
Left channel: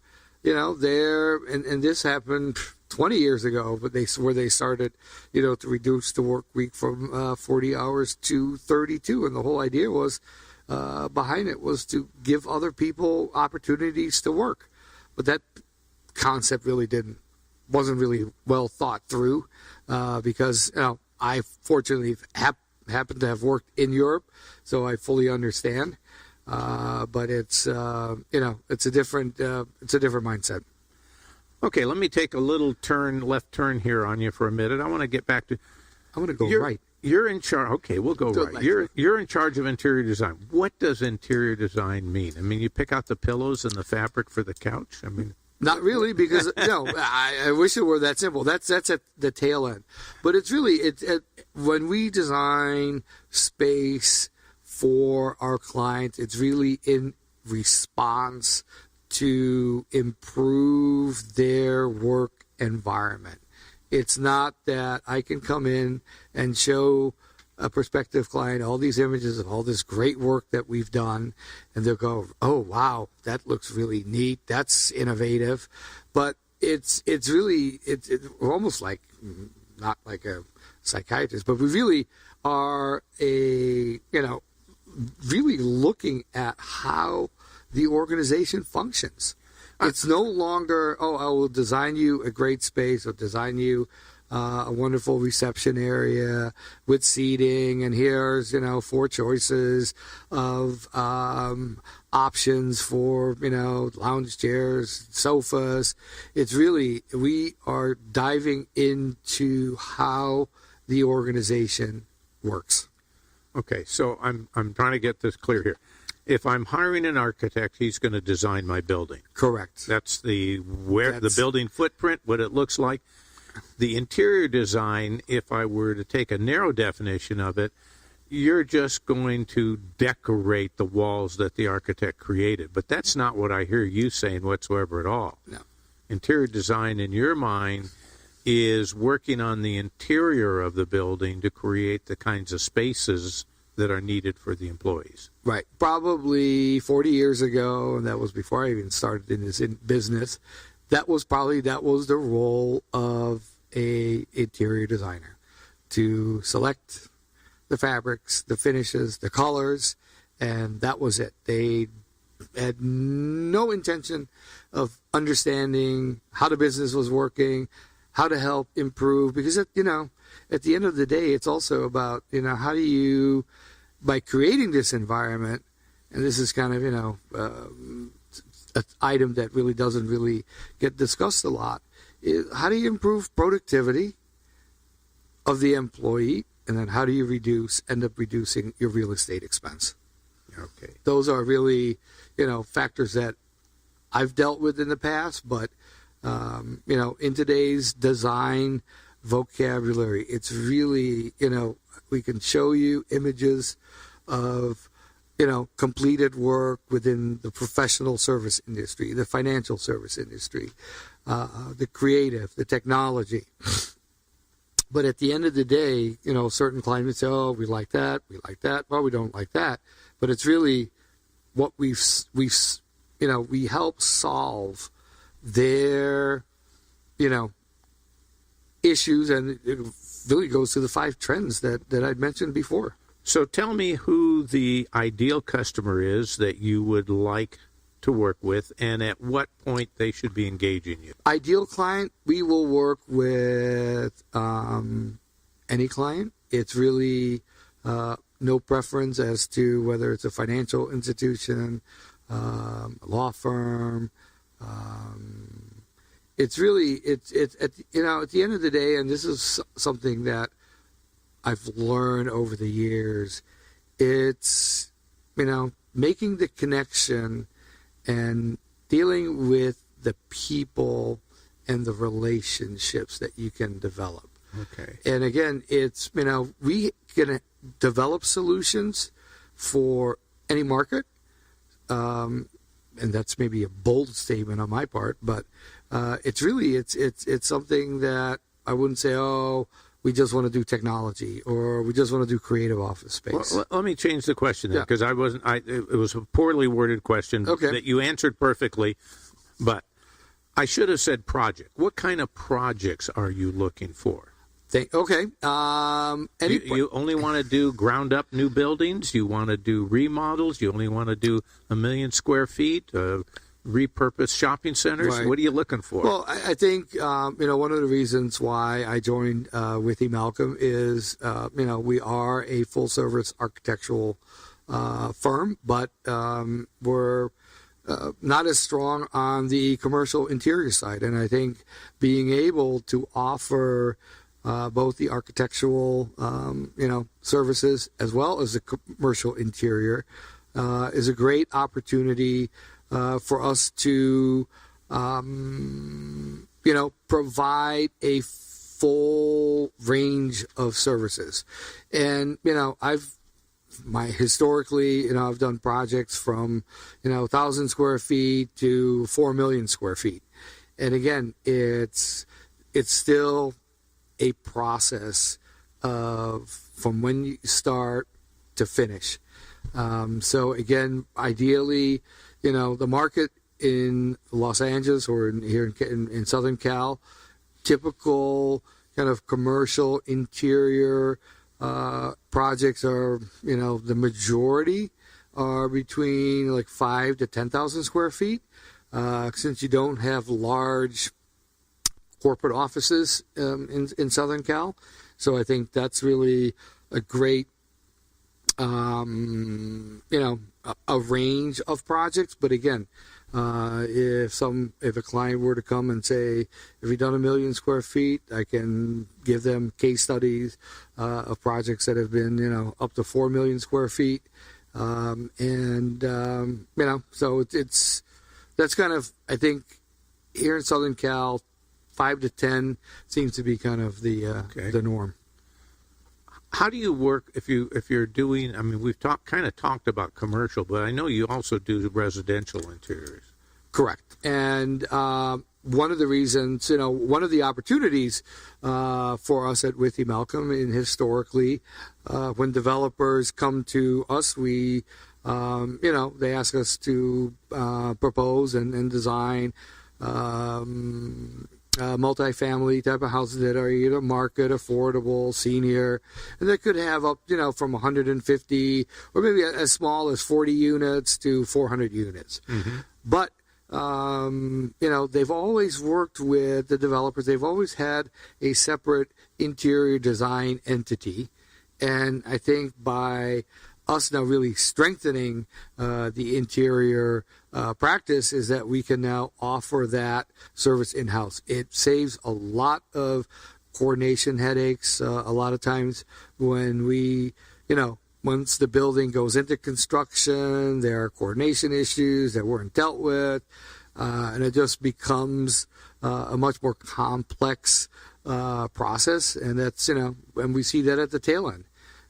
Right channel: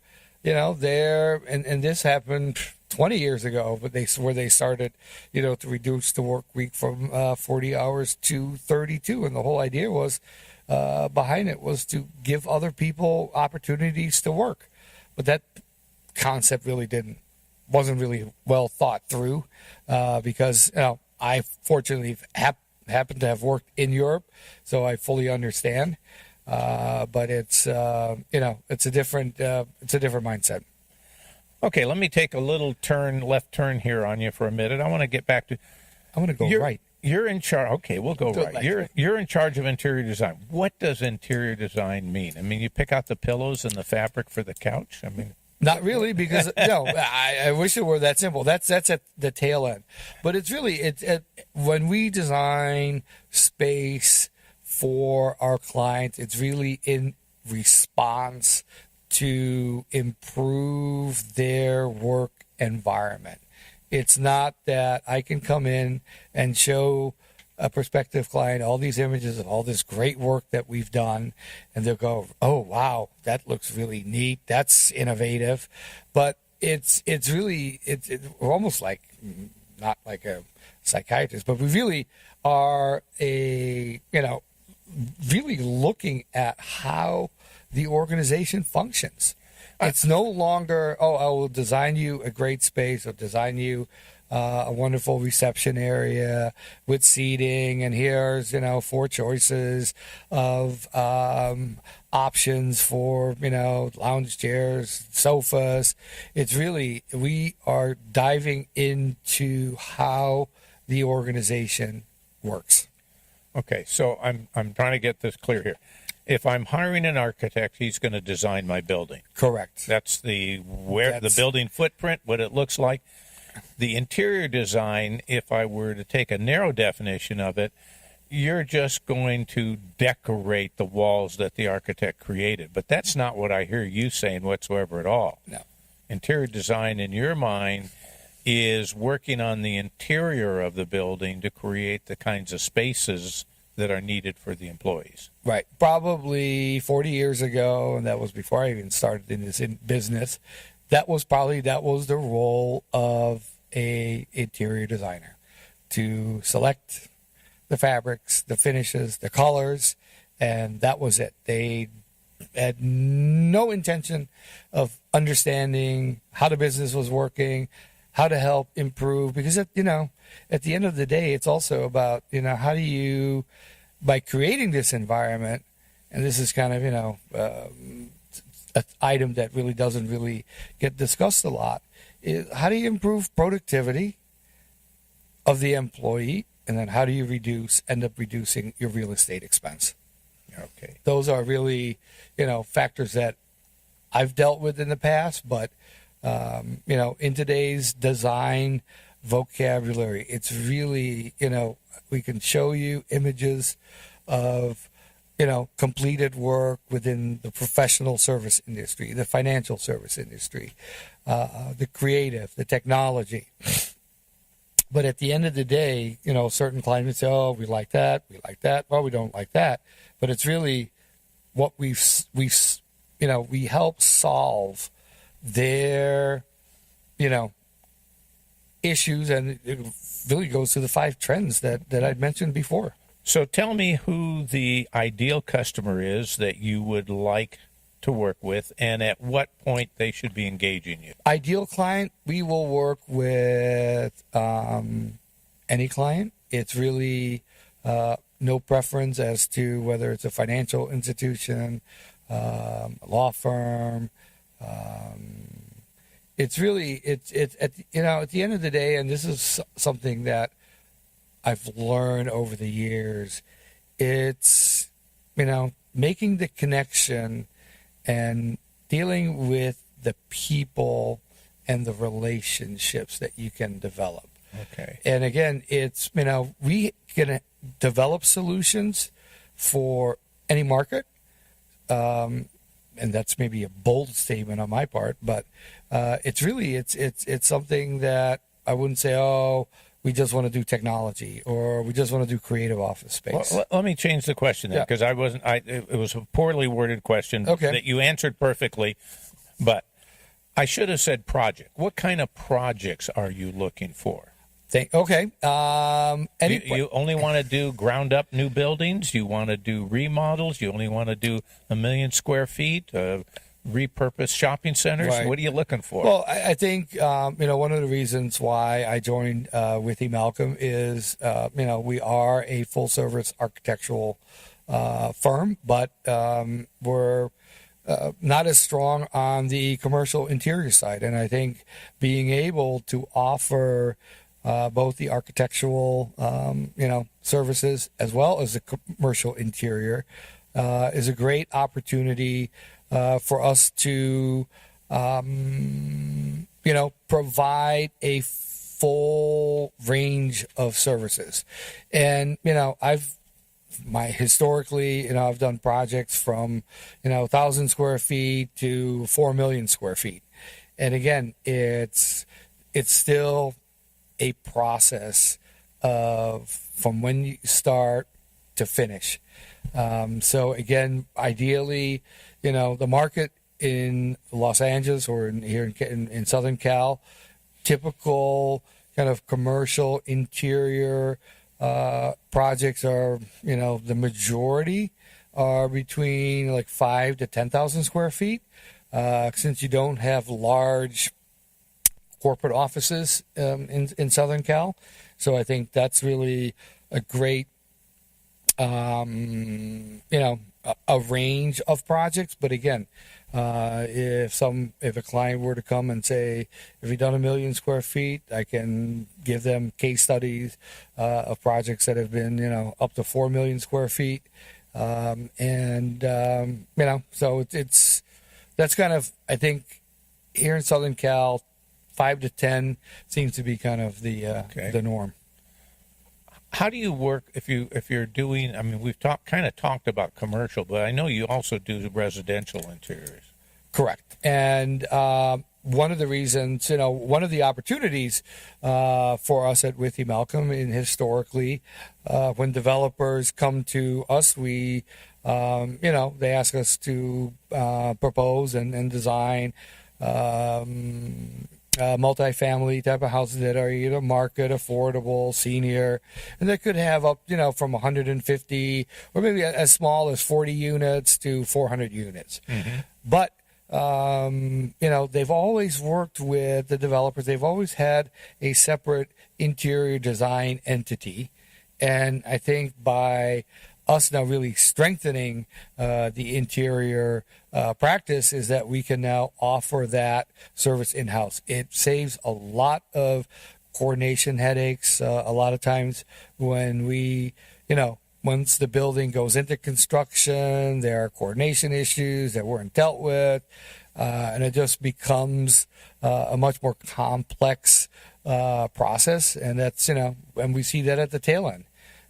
there and this happened 20 years ago, but where they started, to reduce the work week from 40 hours to 32, and the whole idea was behind it was to give other people opportunities to work, but that concept really wasn't really well thought through because I fortunately happen to have worked in Europe, so I fully understand. But it's it's a different mindset. Okay, let me take a little left turn here on you for a minute. I want to get back to. I'm going to go right. You're in charge. Okay, we'll go right. You're in charge of interior design. What does interior design mean? I mean, you pick out the pillows and the fabric for the couch. I mean. Not really, because I wish it were that simple. That's at the tail end, but it's really when we design space for our clients, it's really in response to improve their work environment. It's not that I can come in and show a prospective client all these images of all this great work that we've done, and they'll go, oh wow, that looks really neat, that's innovative. But it's really we're almost like, not like a psychiatrist, but we really are really looking at how the organization functions. It's no longer, I will design you a great space, or design you a wonderful reception area with seating, and here's 4 choices of options for lounge chairs, sofas. It's really, we are diving into how the organization works. Okay, so I'm trying to get this clear here. If I'm hiring an architect, he's going to design my building. Correct. That's the building footprint, what it looks like. The interior design, if I were to take a narrow definition of it, you're just going to decorate the walls that the architect created. But that's not what I hear you saying whatsoever at all. No. Interior design, in your mind, is working on the interior of the building to create the kinds of spaces that are needed for the employees. Right. Probably 40 years ago, and that was before I even started in this business, that was the role of a interior designer, to select the fabrics, the finishes, the colors, and that was it. They had no intention of understanding how the business was working, how to help improve, because at the end of the day, it's also about how do you, by creating this environment, and this is kind of an item that really doesn't really get discussed a lot, is how do you improve productivity of the employee, and then how do you end up reducing your real estate expense? Okay. Those are really, factors that I've dealt with in the past, but, in today's design vocabulary, it's really, we can show you images of, completed work within the professional service industry, the financial service industry, the creative, the technology. But at the end of the day, certain clients say, oh, we like that. Well, we don't like that. But it's really what we help solve their, issues. And it really goes to the 5 trends that I'd mentioned before. So tell me who the ideal customer is that you would like to work with, and at what point they should be engaging you? Ideal client, we will work with any client. It's really no preference as to whether it's a financial institution, law firm. It's really it's at the end of the day, and this is something that I've learned over the years. It's making the connection and dealing with the people and the relationships that you can develop. Okay. And again, it's we can develop solutions for any market. And that's maybe a bold statement on my part, but it's really it's something that I wouldn't say, oh, we just want to do technology or we just want to do creative office space. Well, let me change the question then, because it was a poorly worded question that you answered perfectly, but I should have said project. What kind of projects are you looking for? You only want to do ground up new buildings? You want to do remodels? You only want to do 1 million square feet? Repurposed shopping centers? Right. What are you looking for? Well, I think one of the reasons why I joined Withee Malcolm is we are a full service architectural firm, but we're not as strong on the commercial interior side, and I think being able to offer both the architectural, services as well as the commercial interior is a great opportunity for us to, provide a full range of services. And historically, I've done projects from 1,000 square feet to 4 million square feet, and again, it's still a process of from when you start to finish. So again, ideally, the market in Los Angeles or here in Southern Cal, typical kind of commercial interior projects are, the majority are between like 5,000 to 10,000 square feet. Since you don't have large corporate offices in Southern Cal. So I think that's really a great, a range of projects. But again, if a client were to come and say, if you've done 1 million square feet, I can give them case studies of projects that have been, up to 4 million square feet. So that's kind of, I think, here in Southern Cal, 5 to 10 seems to be kind of the norm. How do you work if you're doing? I mean, we've kind of talked about commercial, but I know you also do residential interiors. Correct. And one of the reasons, one of the opportunities for us at Withee Malcolm, and historically, when developers come to us, we, they ask us to propose and design multifamily type of houses that are either market, affordable, senior, and that could have up, from 150 or maybe as small as 40 units to 400 units. Mm-hmm. But, they've always worked with the developers. They've always had a separate interior design entity. And I think by us now really strengthening the interior practice is that we can now offer that service in-house. It saves a lot of coordination headaches. A lot of times when we, once the building goes into construction, there are coordination issues that weren't dealt with, and it just becomes a much more complex process. And that's, and we see that at the tail end.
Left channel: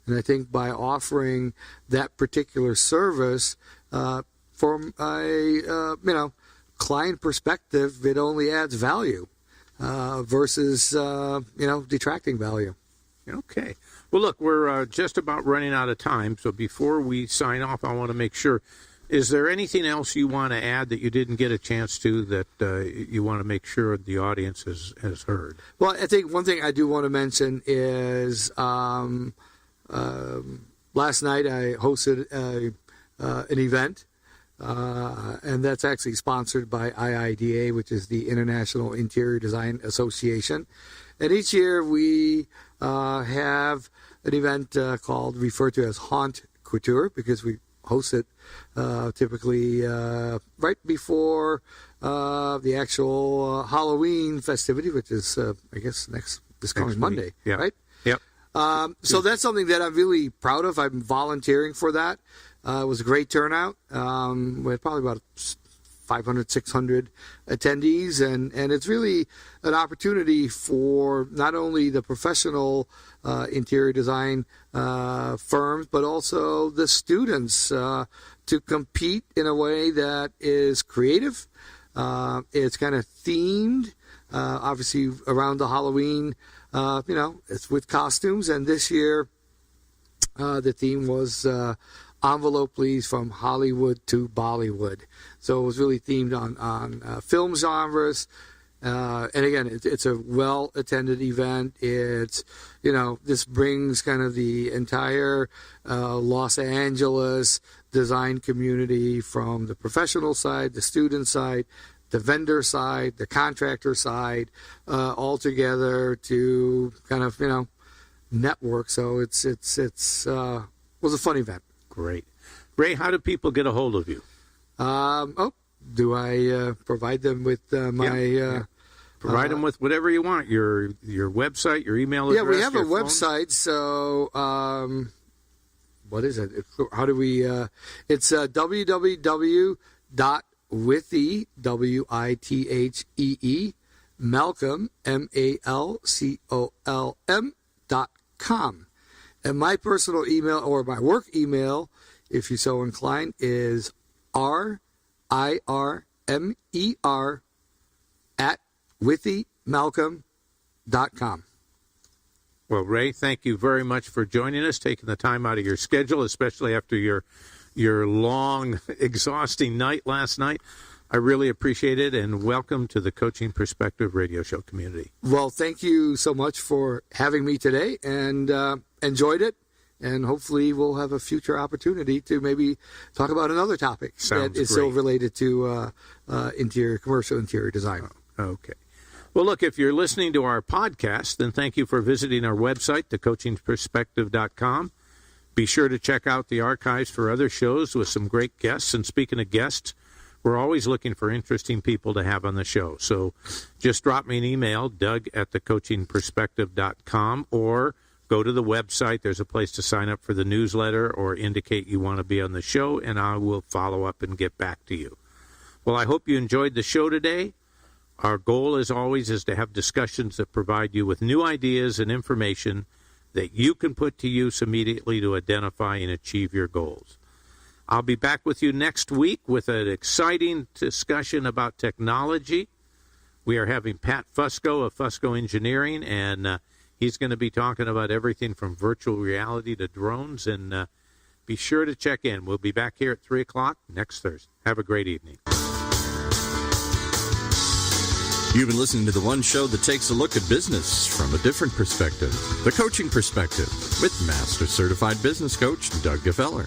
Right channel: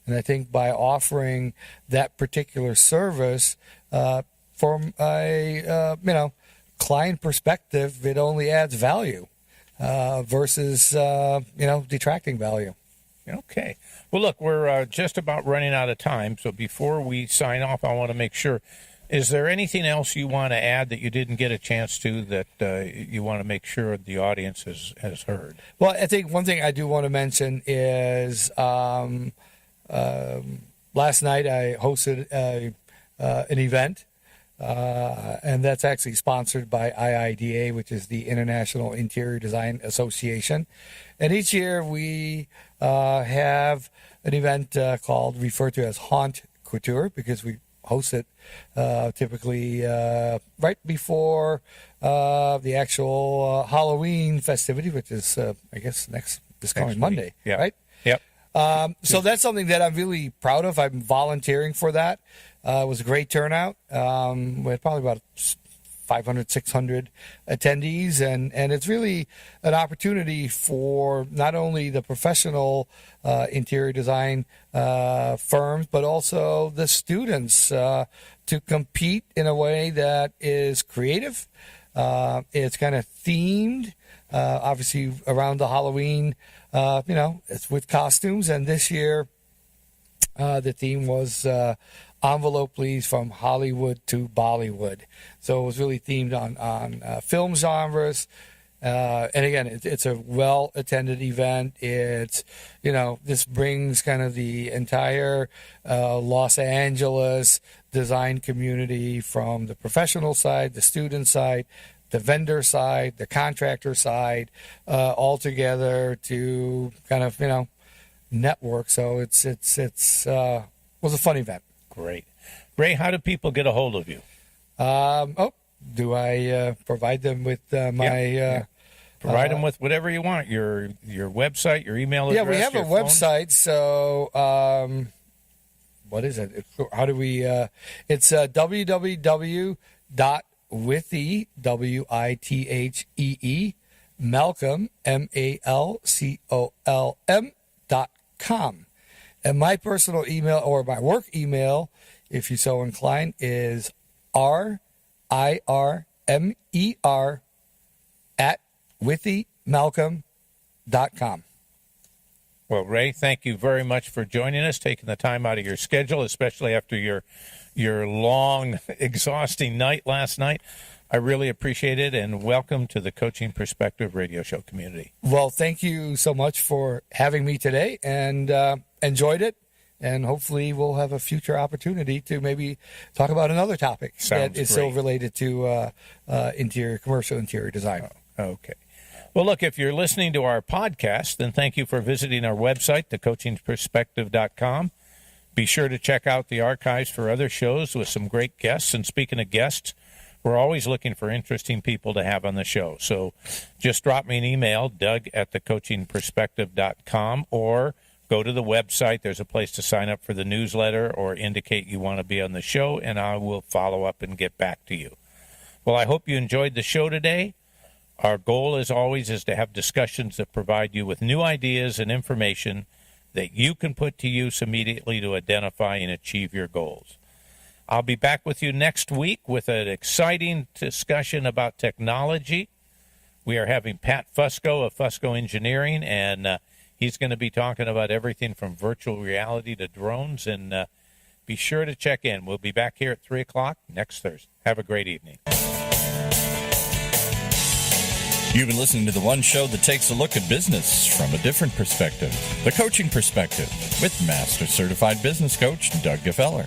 And I think by offering that particular service from a client perspective, it only adds value versus detracting value. Okay. Well, look, we're just about running out of time. So before we sign off, I want to make sure, is there anything else you want to add that you didn't get a chance to that you want to make sure the audience has heard? Well, I think one thing I do want to mention is last night I hosted an event and that's actually sponsored by IIDA, which is the International Interior Design Association. And each year we have an event referred to as Haunt Couture, because we host it typically right before the actual Halloween festivity, which is, I guess, this coming Monday, right? Yep. So that's something that I'm really proud of. I'm volunteering for that. It was a great turnout. We had probably about 500, 600 attendees, and it's really an opportunity for not only the professional interior design firms, but also the students to compete in a way that is creative. It's kind of themed, obviously around the Halloween. It's with costumes, and this year the theme was envelope, please, from Hollywood to Bollywood. So it was really themed on film genres. And again, it's a well-attended event. It's, this brings kind of the entire Los Angeles design community, from the professional side, the student side, the vendor side, the contractor side, all together to kind of, network. So it was a fun event. Great. Ray, how do people get a hold of you? Do I provide them with my... Provide them with whatever you want, your website, your email address. Yeah, we have a your phone. website. So what is it? How do we... it's www.withee, WITHEE, Malcolm, MALCOLM.com. And my personal email, or my work email, if you're so inclined, is RIRMER@WitheeMalcolm.com. Well, Ray, thank you very much for joining us, taking the time out of your schedule, especially after your long, exhausting night last night. I really appreciate it, and welcome to the Coaching Perspective radio show community. Well, thank you so much for having me today, and enjoyed it. And hopefully we'll have a future opportunity to maybe talk about another topic that is still related to commercial interior design. Okay. Well, look, if you're listening to our podcast, then thank you for visiting our website, thecoachingperspective.com. Be sure to check out the archives for other shows with some great guests. And speaking of guests, we're always looking for interesting people to have on the show. So just drop me an email, doug@thecoachingperspective.com, or go to the website. There's a place to sign up for the newsletter or indicate you want to be on the show, and I will follow up and get back to you. Well, I hope you enjoyed the show today. Our goal, as always, is to have discussions that provide you with new ideas and information that you can put to use immediately to identify and achieve your goals. I'll be back with you next week with an exciting discussion about technology. We are having Pat Fusco of Fusco Engineering, and he's going to be talking about everything from virtual reality to drones, and be sure to check in. We'll be back here at 3 o'clock next Thursday. Have a great evening. You've been listening to the one show that takes a look at business from a different perspective, the Coaching Perspective, with Master Certified Business Coach Doug Gefeller.